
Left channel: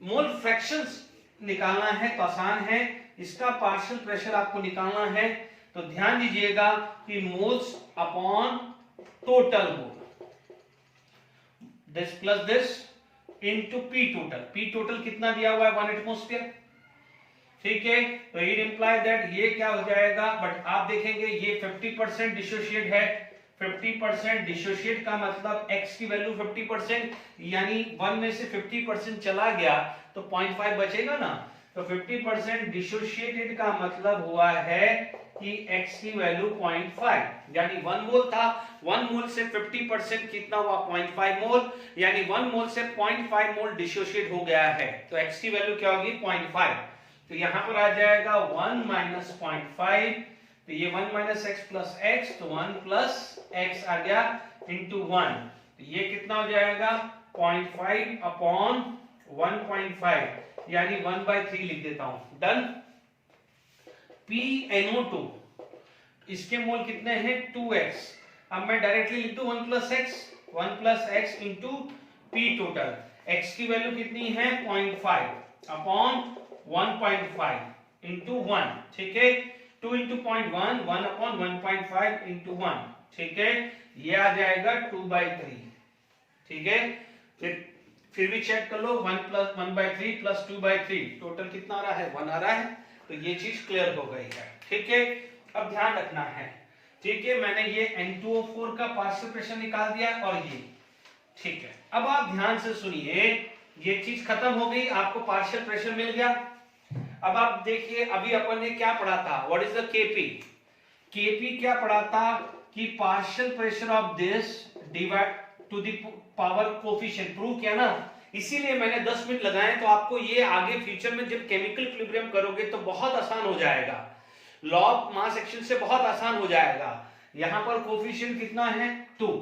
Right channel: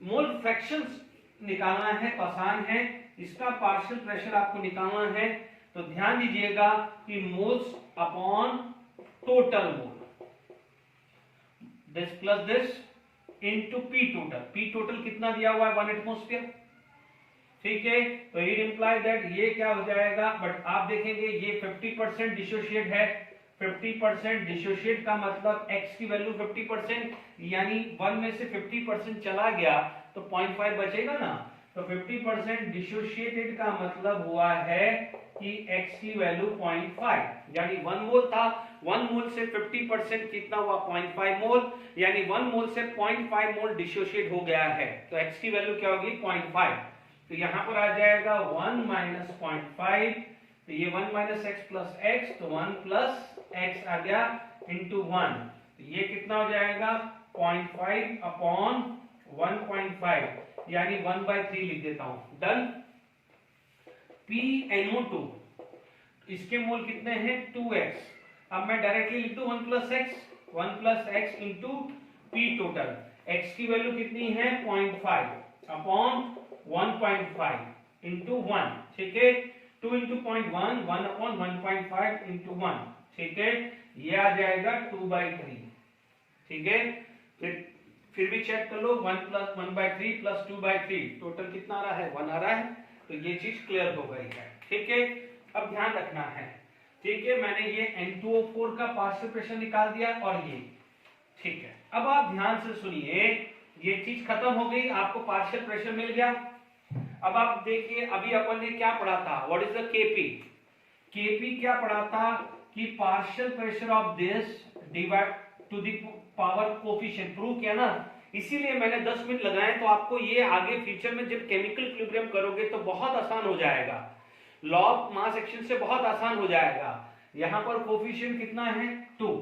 मोल फ्रैक्शंस निकालना है तो आसान है, इसका पार्शियल प्रेशर आपको निकालना है, तो ध्यान दीजिएगा कि moles upon total mole, this plus this into P total. P total कितना दिया हुआ है 1 एटमॉस्फेयर। ठीक है, तो इट इंप्लाई दैट ये क्या हो जाएगा, बट आप देखेंगे ये 50% डिसोशिएट है। 50% डिसोशिएट का मतलब x की वैल्यू 50%, यानी 1 में से 50% चला गया तो 0.5 बचेगा ना। तो 50% डिसोशिएटेड का मतलब हुआ है कि x की वैल्यू 0.5, यानी 1 मोल था, 1 मोल से 50% कितना हुआ 0.5 मोल, यानी 1 मोल से 0.5 मोल डिसोशिएट हो गया है। तो x की वैल्यू क्या होगी 0.5, तो यहां पर आ जाएगा 1 माइनस 0.5, तो ये 1 माइनस एक्स प्लस एक्स, तो 1 प्लस एक्स आ गया इंटू 1, तो ये कितना हो जाएगा 0.5 अपॉन 1.5, यानी 1/3 लिख देता हूं। डन। PnO2 इसके मोल कितने हैं 2x, अब मैं डायरेक्टली लिख दूं 1 plus x into P total. x की वैल्यू कितनी है 0.5 अपॉन 1.5 इंटू 1, ठीक है, 2 इंटू 0.1, 1 अपॉन 1.5 इंटू 1, ठीक है, ये आ जाएगा 2/3, ठीक है। फिर भी चेक कर लो, 1 प्लस 1/3 प्लस 2/3 टोटल कितना आ रहा है 1 आ रहा है, तो ये चीज क्लियर हो गई है, ठीक है। अब ध्यान रखना है, ठीक है, मैंने ये N2O4 का पार्शियल प्रेशर निकाल दिया और ये, ठीक है। अब आप ध्यान से सुनिए, ये चीज खत्म हो गई, आपको पार्शियल प्रेशर मिल गया। अब आप देखिए, अभी अपन ने क्या पढ़ा था, what is the KP. KP क्या पढ़ा था कि partial pressure of this divide two the power coefficient, prove किया ना, इसीलिए मैंने 10 मिनट लगाए। तो आपको ये आगे फ्यूचर में जब केमिकल इक्विलिब्रियम करोगे तो बहुत आसान हो जाएगा, लॉ ऑफ मास एक्शन से बहुत आसान हो जाएगा। यहां पर कोफिशिएंट कितना है 2,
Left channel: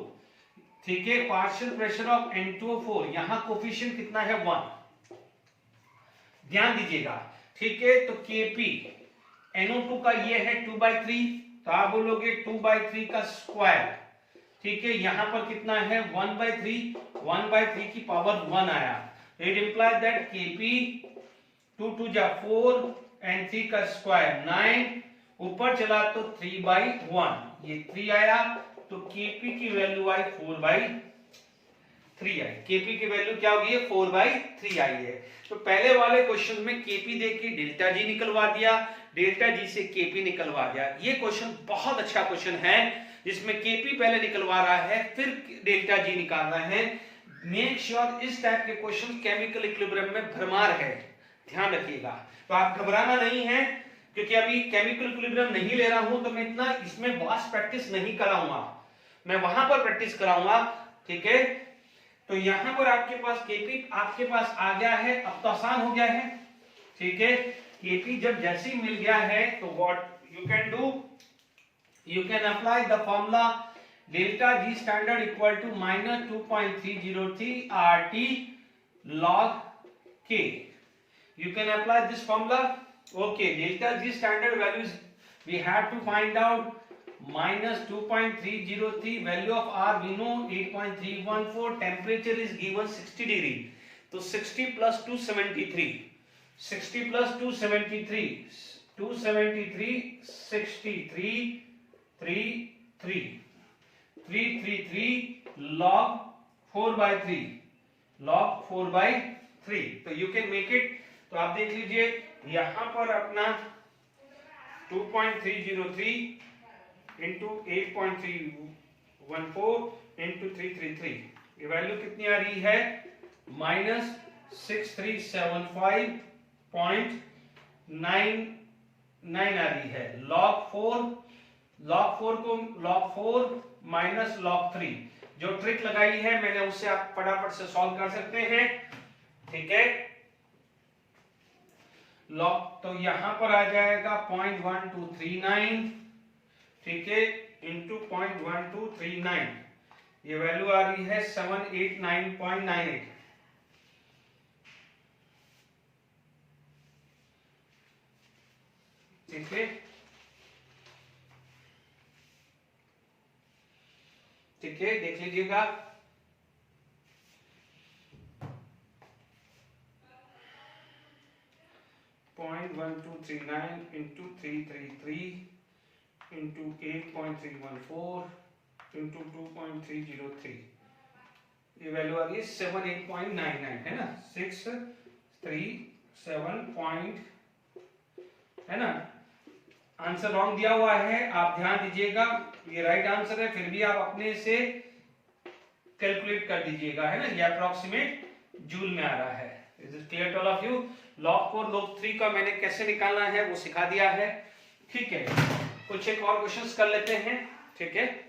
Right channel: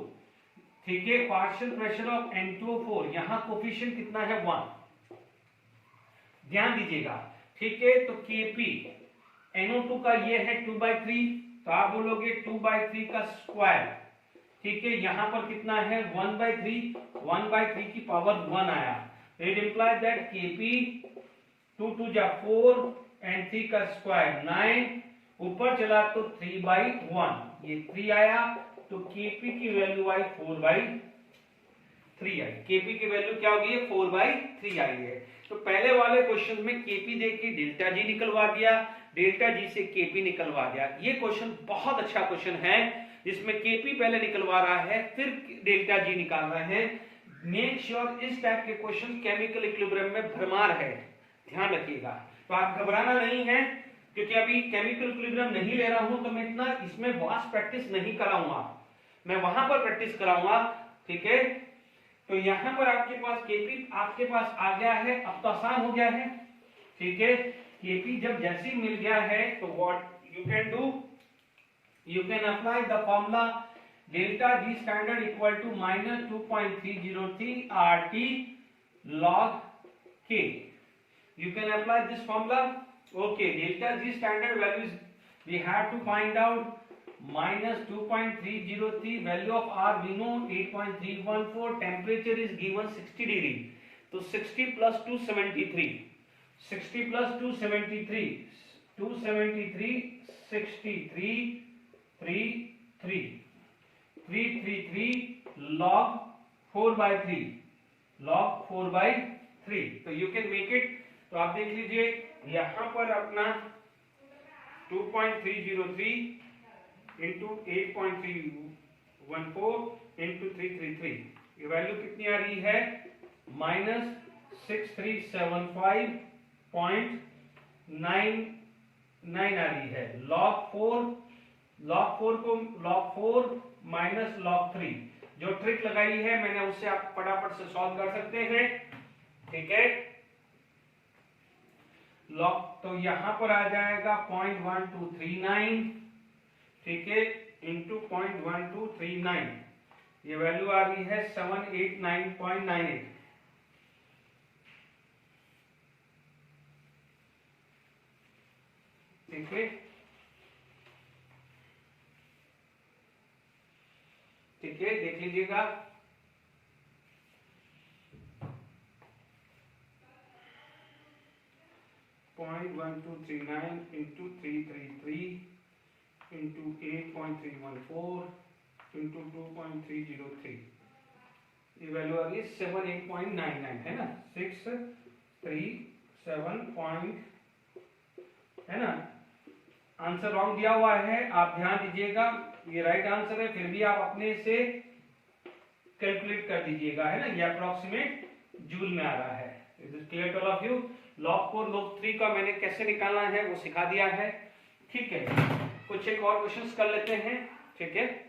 ठीक है, पार्शियल प्रेशर ऑफ N2O4, यहां कोफिशिएंट कितना है 1, ध्यान दीजिएगा, ठीक है। तो Kp NO2 का ये है 2/3, तो आप बोलोगे 2/3 का स्क्वायर, ठीक है, यहां पर कितना है 1/3, 1/3 की पावर 1 आया। इट इंप्लाइज दैट Kp 2 2 जा 4 एंड 3 का स्क्वायर 9, ऊपर चला तो 3/1, ये 3 आया, तो Kp की वैल्यू आई 4/3 आई। Kp की वैल्यू क्या होगी 4/3 आई है। तो पहले वाले क्वेश्चन में Kp देके डेल्टा जी निकलवा दिया, डेल्टा जी से Kp निकलवा दिया। ये क्वेश्चन बहुत अच्छा क्वेश्चन है, जिसमें Kp पहले निकलवा रहा है फिर डेल्टा जी निकाल रहा है। मेक श्योर इस टाइप के क्वेश्चन केमिकल इक्विलिब्रियम में भरमार है, ध्यान रखिएगा। तो आप घबराना नहीं है, क्योंकि अभी केमिकल इक्विलिब्रियम नहीं ले रहा हूं, तो मैं इतना इसमें वास्ट प्रैक्टिस नहीं कराऊंगा, मैं वहां पर प्रैक्टिस कराऊंगा, ठीक है। तो यहां पर आपके पास Kp आपके पास आ गया है, अब तो आसान हो गया है, ठीक है। Kp जब जैसे ही मिल गया है, तो what you can do, you can apply the formula delta G standard equal to minus 2.303 RT log K. You can apply this formula. Okay, delta G standard values we have to find out. Minus 2.303, value of R we know 8.314, temperature is given 60 degree, तो 60 plus 273, 60 plus 273, 273, 63, 333 log 4/3, log 4/3, तो you can make it. तो आप देख लीजिए, यहां पर अपना 2.303 into 8.314 into 333, ये वैल्यू कितनी आ रही है -6375.99 आ रही है। log 4 को log 4 माइनस log 3, जो ट्रिक लगाई है मैंने उससे आप फटाफट से सॉल्व कर सकते हैं, ठीक है। log, तो यहां पर आ जाएगा 0.1239, ठीक है, इंटू 0.1239, ये वैल्यू आ रही है 789.98, ठीक है, ठीक है, देख लीजिएगा। .1239 इंटू 333 इंटू 8.314 इंटू 2.303, ये वैल्यू आ रही है 78.99, है ना, 637. है ना। आंसर रॉन्ग दिया हुआ है, आप ध्यान दीजिएगा, ये राइट आंसर है, फिर भी आप अपने से कैलकुलेट कर दीजिएगा, है ना। ये अप्रोक्सीमेट जूल में आ रहा है। Is it clear to all of you? log 4 log 3 का मैंने कैसे निकालना है वो सिखा दिया है, ठीक है। कुछ एक और क्वेश्चंस कर लेते हैं, ठीक है।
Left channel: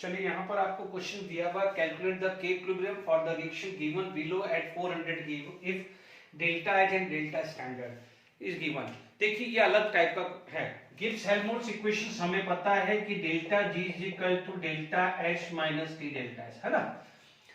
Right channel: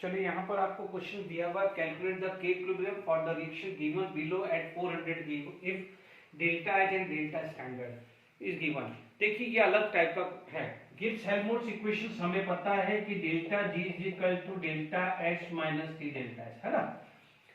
चलिए यहाँ पर आपको क्वेश्चन दिया हुआ, calculate the K equilibrium for the reaction given below at 400 if delta H and delta standard is given. देखिए ये अलग टाइप का है। गिब्स हेल्महोल्ट्ज इक्वेशंस हमें पता है कि delta G is equal to delta H minus T delta H, है ना।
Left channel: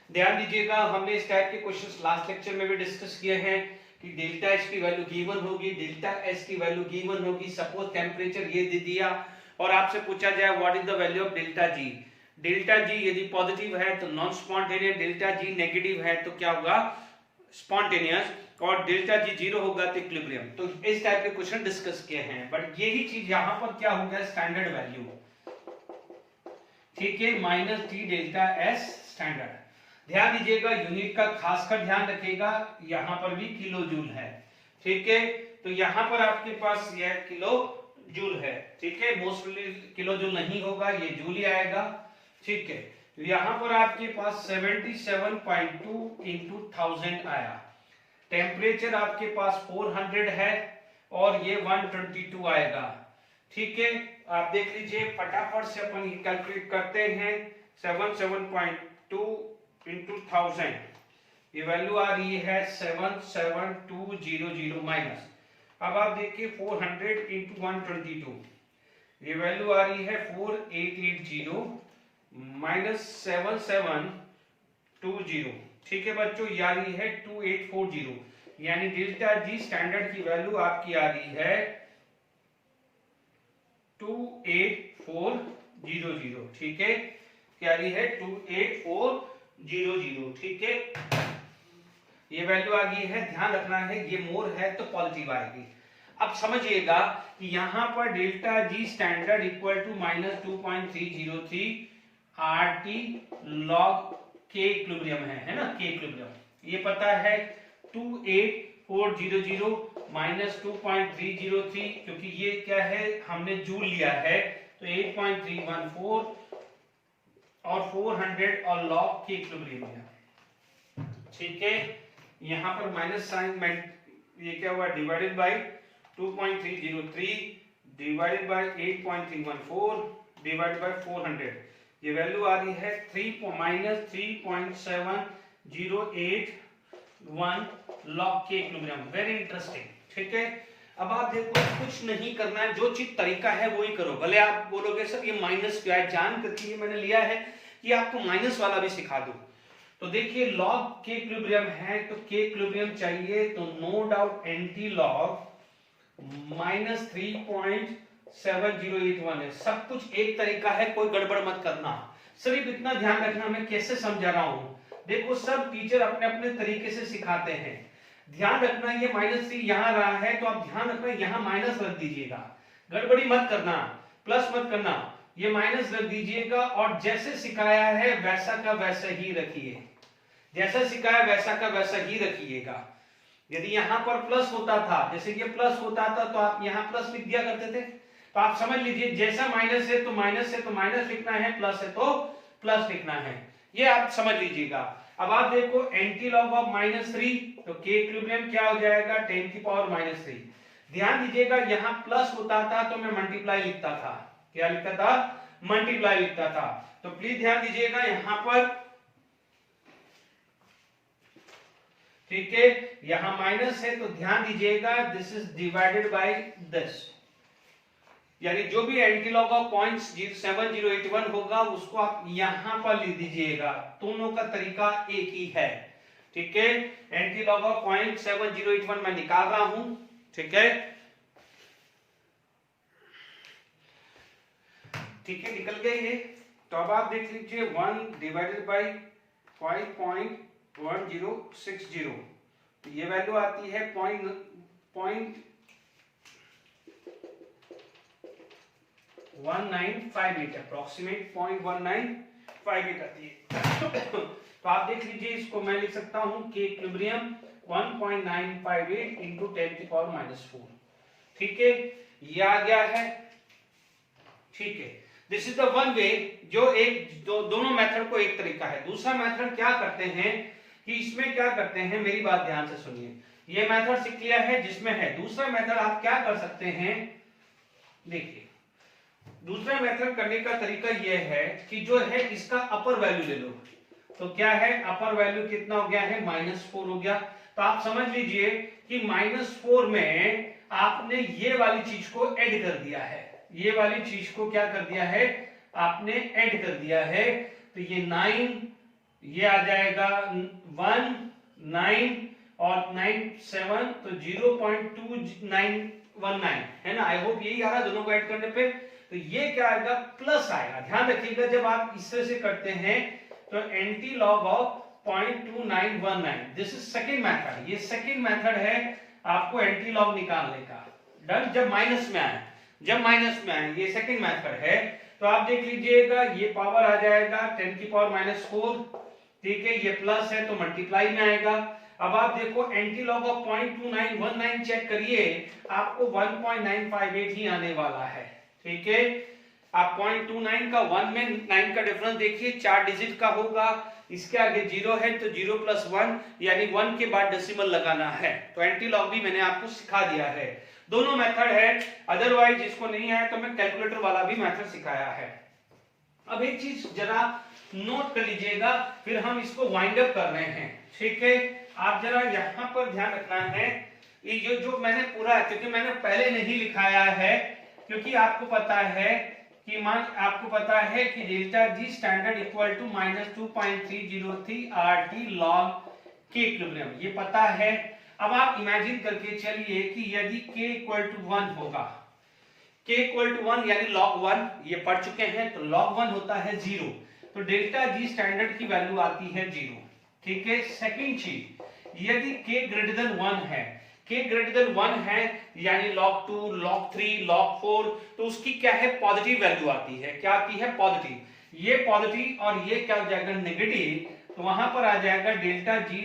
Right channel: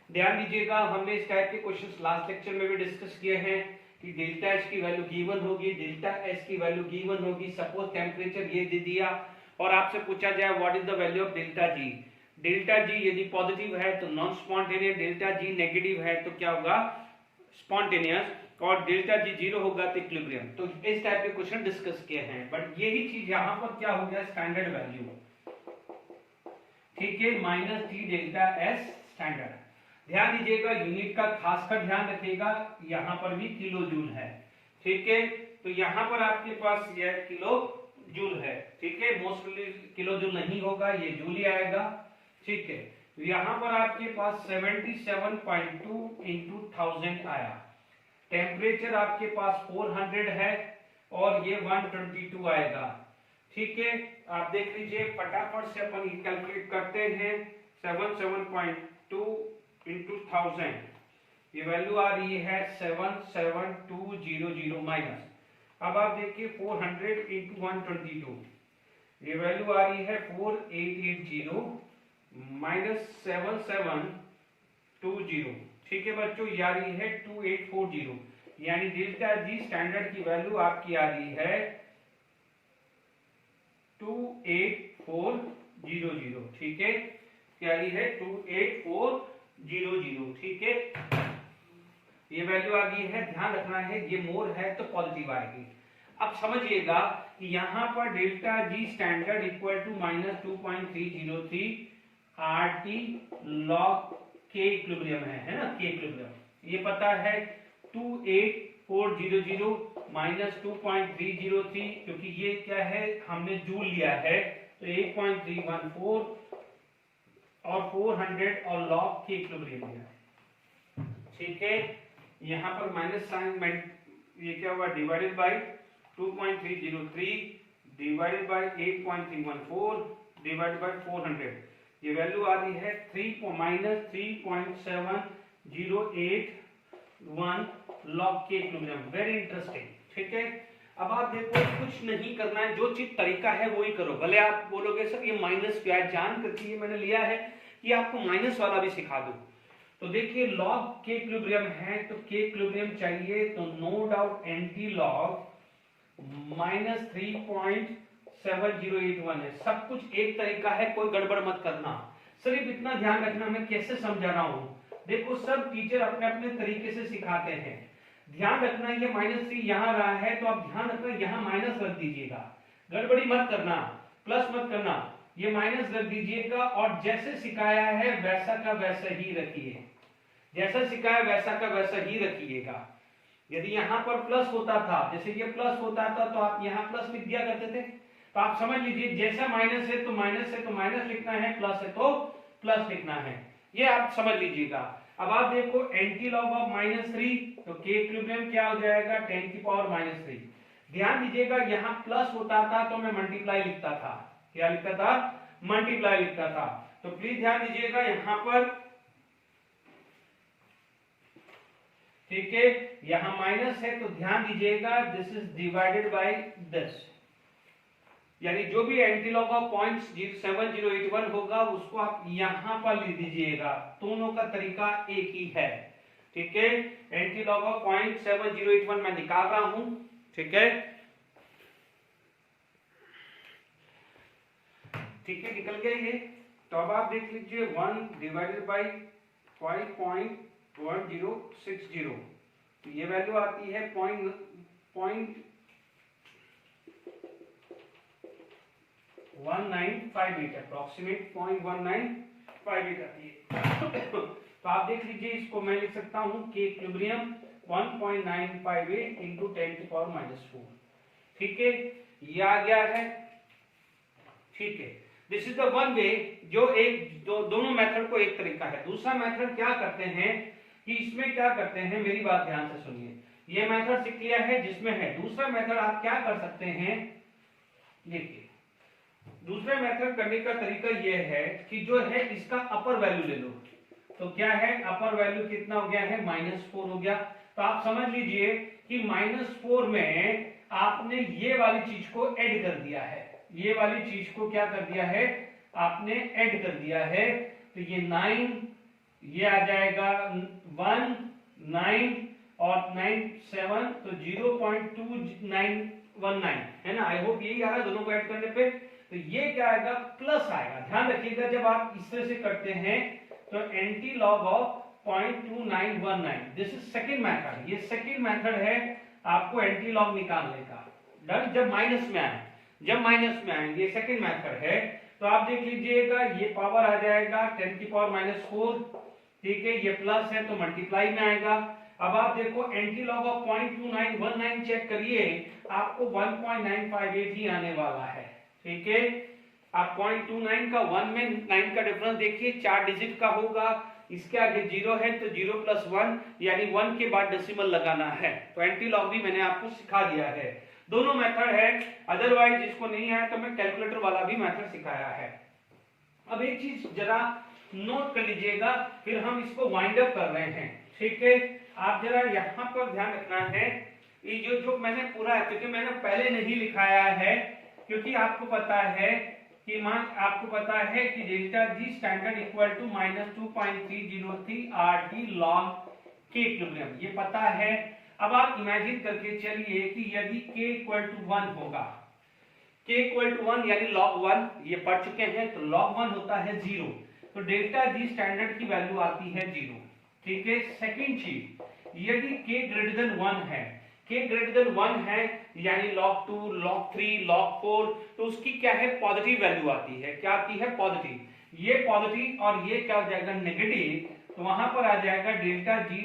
ध्यान दीजिएगा, हमने इस टाइप के क्वेश्चंस लास्ट लेक्चर में भी डिस्कस किए हैं कि डेल्टा एच की वैल्यू गिवन होगी, डेल्टा एस की वैल्यू गिवन होगी। सपोज टेम्परेचर ये दे दिया और आपसे पूछा जाए what is the value of delta G. Delta G यदि पॉजिटिव है तो नॉन स्पॉन्टेनियस, डेल्टा जी नेगेटिव है तो क्या होगा, स्पॉन्टेनियस, और डेल्टा जी जीरो होगा तो इक्विलिब्रियम। तो इस टाइप के क्वेश्चन डिस्कस किए हैं, बट यही चीज यहाँ पर क्या हो गया, स्टैंडर्ड वैल्यू, ठीक है, minus T delta S standard. ध्यान दीजिएगा, यूनिट का खासकर ध्यान रखिएगा, यहाँ पर भी किलो जूल है, ठीक है। तो यहाँ पर आपके पास यह किलो जूल है, ठीक है। मोस्टली किलो जूल नहीं होगा, ये जूल ही आएगा, ठीक है। यहाँ पर आपके पास 77.2 इंटू 1000 आया। टेम्परेचर आपके पास 400 है और ये 122 आएगा, ठीक है। आप देख लीजिए, फटाफट से अपन ये कैलकुलेट करते हैं। 77.2 इंटू 1000, ये वैल्यू आ रही है 77200 माइनस। अब आप देखिए 400 इंटू 122, ये वैल्यू आ रही है 4880 माइनस 7720, ठीक है बच्चों, ये आ रही है 2840। यानी डेल्टा जी स्टैंडर्ड की वैल्यू आपकी आ रही है 28400, ठीक है, क्या आ रही है 28400, ठीक है। ये वैल्यू आ गई है, ध्यान रखना है ये मोर है तो पॉजिटिव आएगी। अब समझिएगा कि यहाँ पर delta G standard equal to minus 2.303 RT log K equilibrium है ना, के इक्विलिब्रियम ये पता है 28400 माइनस 2.303, क्योंकि ये क्या है, हमने जूल लिया है, तो 8.314 और 400 और log के इक्विलिब्रियम लिया, ठीक है। यहाँ पर माइनस साइन, ये क्या हुआ, divided by 2.303 divided by 8.314 divided by 400, ये वैल्यू आ रही है 3.7081 log K equilibrium. Very interesting, ठीक है। अब आप देखो, कुछ नहीं करना है, जो चीज तरीका है वही करो। भले आप बोलोगे सर ये माइनस क्या है, जान करके मैंने लिया है कि आपको माइनस वाला भी सिखा दूं। तो देखिए log के इक्विलिब्रियम है तो के इक्विलिब्रियम चाहिए, तो no doubt anti log minus 3.7081 है। सब कुछ एक तरीका है, कोई गड़बड़ मत करना। सिर्फ इतना ध्यान रखना मैं कैसे समझा रहा हूं। देखो सब टीचर अपने अपने तरीके से सिखाते हैं। ध्यान रखना, ये -3 यहाँ रहा है तो आप ध्यान रखना यहाँ माइनस रख दीजिएगा, गड़बड़ी मत करना, प्लस मत करना, ये माइनस रख दीजिएगा और जैसे सिखाया है वैसा का वैसा ही रखिए, जैसा सिखाया वैसा का वैसा ही रखिएगा। यदि यहाँ पर प्लस होता था, जैसे ये प्लस होता था तो आप यहाँ प्लस लिख दिया करते थे, तो आप समझ लीजिए जैसा माइनस है तो माइनस है तो माइनस लिखना है, प्लस है तो प्लस लिखना है, ये आप समझ लीजिएगा। अब आप देखो एंटी लॉग ऑफ -3, तो के इक्विलिब्रियम क्या हो जाएगा 10 की पावर -3। ध्यान दीजिएगा यहाँ प्लस होता था तो मैं मल्टीप्लाई लिखता था, क्या लिखता था, मल्टीप्लाई लिखता था। तो प्लीज ध्यान दीजिएगा यहाँ पर, ठीक है, यहाँ माइनस है तो ध्यान दीजिएगा this is divided by this, यानी जो भी एंटी लॉग ऑफ 0.7081 होगा उसको आप यहां पर लिख दीजिएगा। दोनों का तरीका एक ही है, ठीक है। एंटी लॉग ऑफ 0.7081 मैं निकाल रहा हूं, ठीक है, ठीक है, निकल गए ये। तो अब आप देख लीजिए 1 डिवाइडेड बाय 5.1060, तो ये वैल्यू आती है 0.195 अप्रोक्सीमेट 0.195 आती है। तो आप देख लीजिए, इसको मैं लिख सकता हूं के इक्विलिब्रियम 1.958 इंटू 10⁻⁴। ठीक है, ये आ गया है। ठीक है, this is the one way, जो एक दोनों मेथड को एक तरीका है। दूसरा मेथड क्या करते हैं कि इसमें क्या करते हैं, मेरी बात ध्यान से सुनिए, ये मेथड सीख लिया है जिसमें है। दूसरा मेथड आप क्या कर सकते हैं, देखिए दूसरा मेथड करने का तरीका यह है कि जो है इसका अपर वैल्यू ले लो। तो क्या है, अपर वैल्यू कितना हो गया है, -4 हो गया। तो आप समझ लीजिए कि -4 में आपने ये वाली चीज को ऐड कर दिया है, ये वाली चीज को क्या कर दिया है, आपने ऐड कर दिया है। तो ये 9, ये आ जाएगा 1, 9 और 9 7, तो 0.2919 है ना। आई होप यही आ रहा है दोनों को ऐड करने पे। तो ये क्या आएगा, प्लस आएगा। ध्यान रखिएगा जब आप इस तरह से करते हैं तो anti log of 0.2919, this is second method. ये सेकंड मेथड है आपको एंटी लॉग निकालने का। डन, जब माइनस में आए, जब माइनस में आए, ये सेकंड मेथड है। तो आप देख लीजिएगा ये पावर आ जाएगा 10⁻⁴। ठीक है, ये प्लस है तो मल्टीप्लाई में आएगा। अब आप देखो एंटी लॉग ऑफ 0.2919 चेक करिए, आपको 1.958 ही आने वाला है। ठीक है, आप 0.29 का 1 में 9 का डिफरेंस देखिए, 4 डिजिट का होगा। इसके आगे 0 है तो 0 + 1 यानी 1 के बाद डेसिमल लगाना है। तो एंटी लॉग भी मैंने आपको सिखा दिया है। दोनों मेथड है, अदरवाइज जिसको नहीं आया तो मैं कैलकुलेटर वाला भी मेथड सिखाया है। अब एक चीज जरा नोट कर लीजिएगा, फिर हम इसको वाइंड अप कर रहे हैं। ठीक है, आप जरा यहाँ पर ध्यान रखना है, ये जो मैंने पूरा, क्योंकि मैंने पहले नहीं लिखाया है, क्योंकि आपको पता है कि आपको पता है कि delta G standard equal to -2.303 RT log K equilibrium, ये पता है। अब आप इमेजिन करके चलिए कि यदि k = 1 होगा, k = 1 यानी log 1, ये पढ़ चुके हैं, तो log 1 होता है 0, तो डेल्टा जी स्टैंडर्ड की वैल्यू आती है 0। ठीक है, सेकंड चीज, यदि k > 1 है, k > 1 है यानी log 2, log 3, log 4, तो उसकी क्या है, पॉजिटिव वैल्यू आती है। क्या आती है, पॉजिटिव। ये पॉजिटिव और ये क्या हो जाएगा, नेगेटिव। तो वहां पर आ जाएगा डेल्टा जी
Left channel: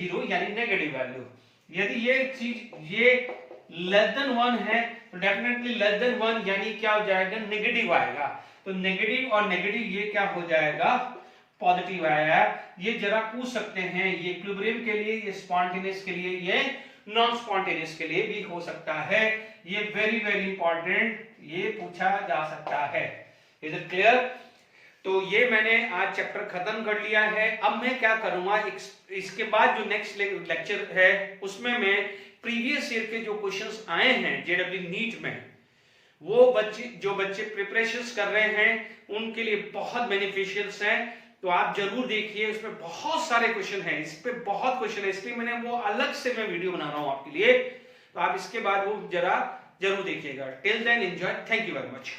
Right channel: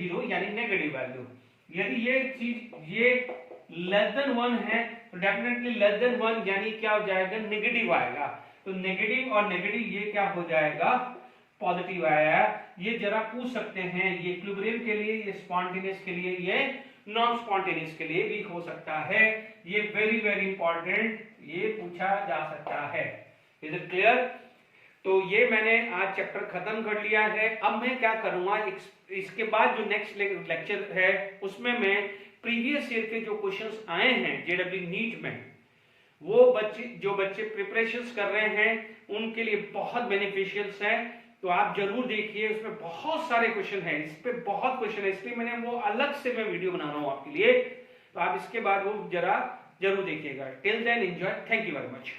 <0 यानी नेगेटिव वैल्यू। यदि ये चीज ये <1 है तो डेफिनेटली <1 यानी क्या हो जाएगा, नेगेटिव आएगा। तो नेगेटिव और नेगेटिव ये क्या हो जाएगा, पॉजिटिव आया। ये जरा पूछ सकते हैं, ये इक्विलिब्रियम के लिए, ये स्पॉन्टेनियस के लिए, ये नॉन स्पॉन्टेनियस के लिए भी हो सकता है। ये वेरी वेरी इंपॉर्टेंट, ये पूछा जा सकता है। Is it clear? तो ये मैंने आज चैप्टर खत्म कर लिया है। अब मैं क्या करूंगा, इसके बाद जो नेक्स्ट लेक्चर है उसमें मैं प्रीवियस ईयर के जो क्वेश्चंस आए हैं जेडब्ल्यू नीट में, वो बच्चे प्रिपरेशंस कर रहे हैं उनके लिए बहुत बेनिफिशियल्स हैं। तो आप जरूर देखिए, उसमें बहुत सारे क्वेश्चन हैं, इस पे बहुत क्वेश्चन है, इसलिए मैंने वो अलग से मैं वीडियो बना रहा हूं आपके लिए। तो आप इसके बाद वो जरूर देखिएगा। Till then enjoy, thank you very much.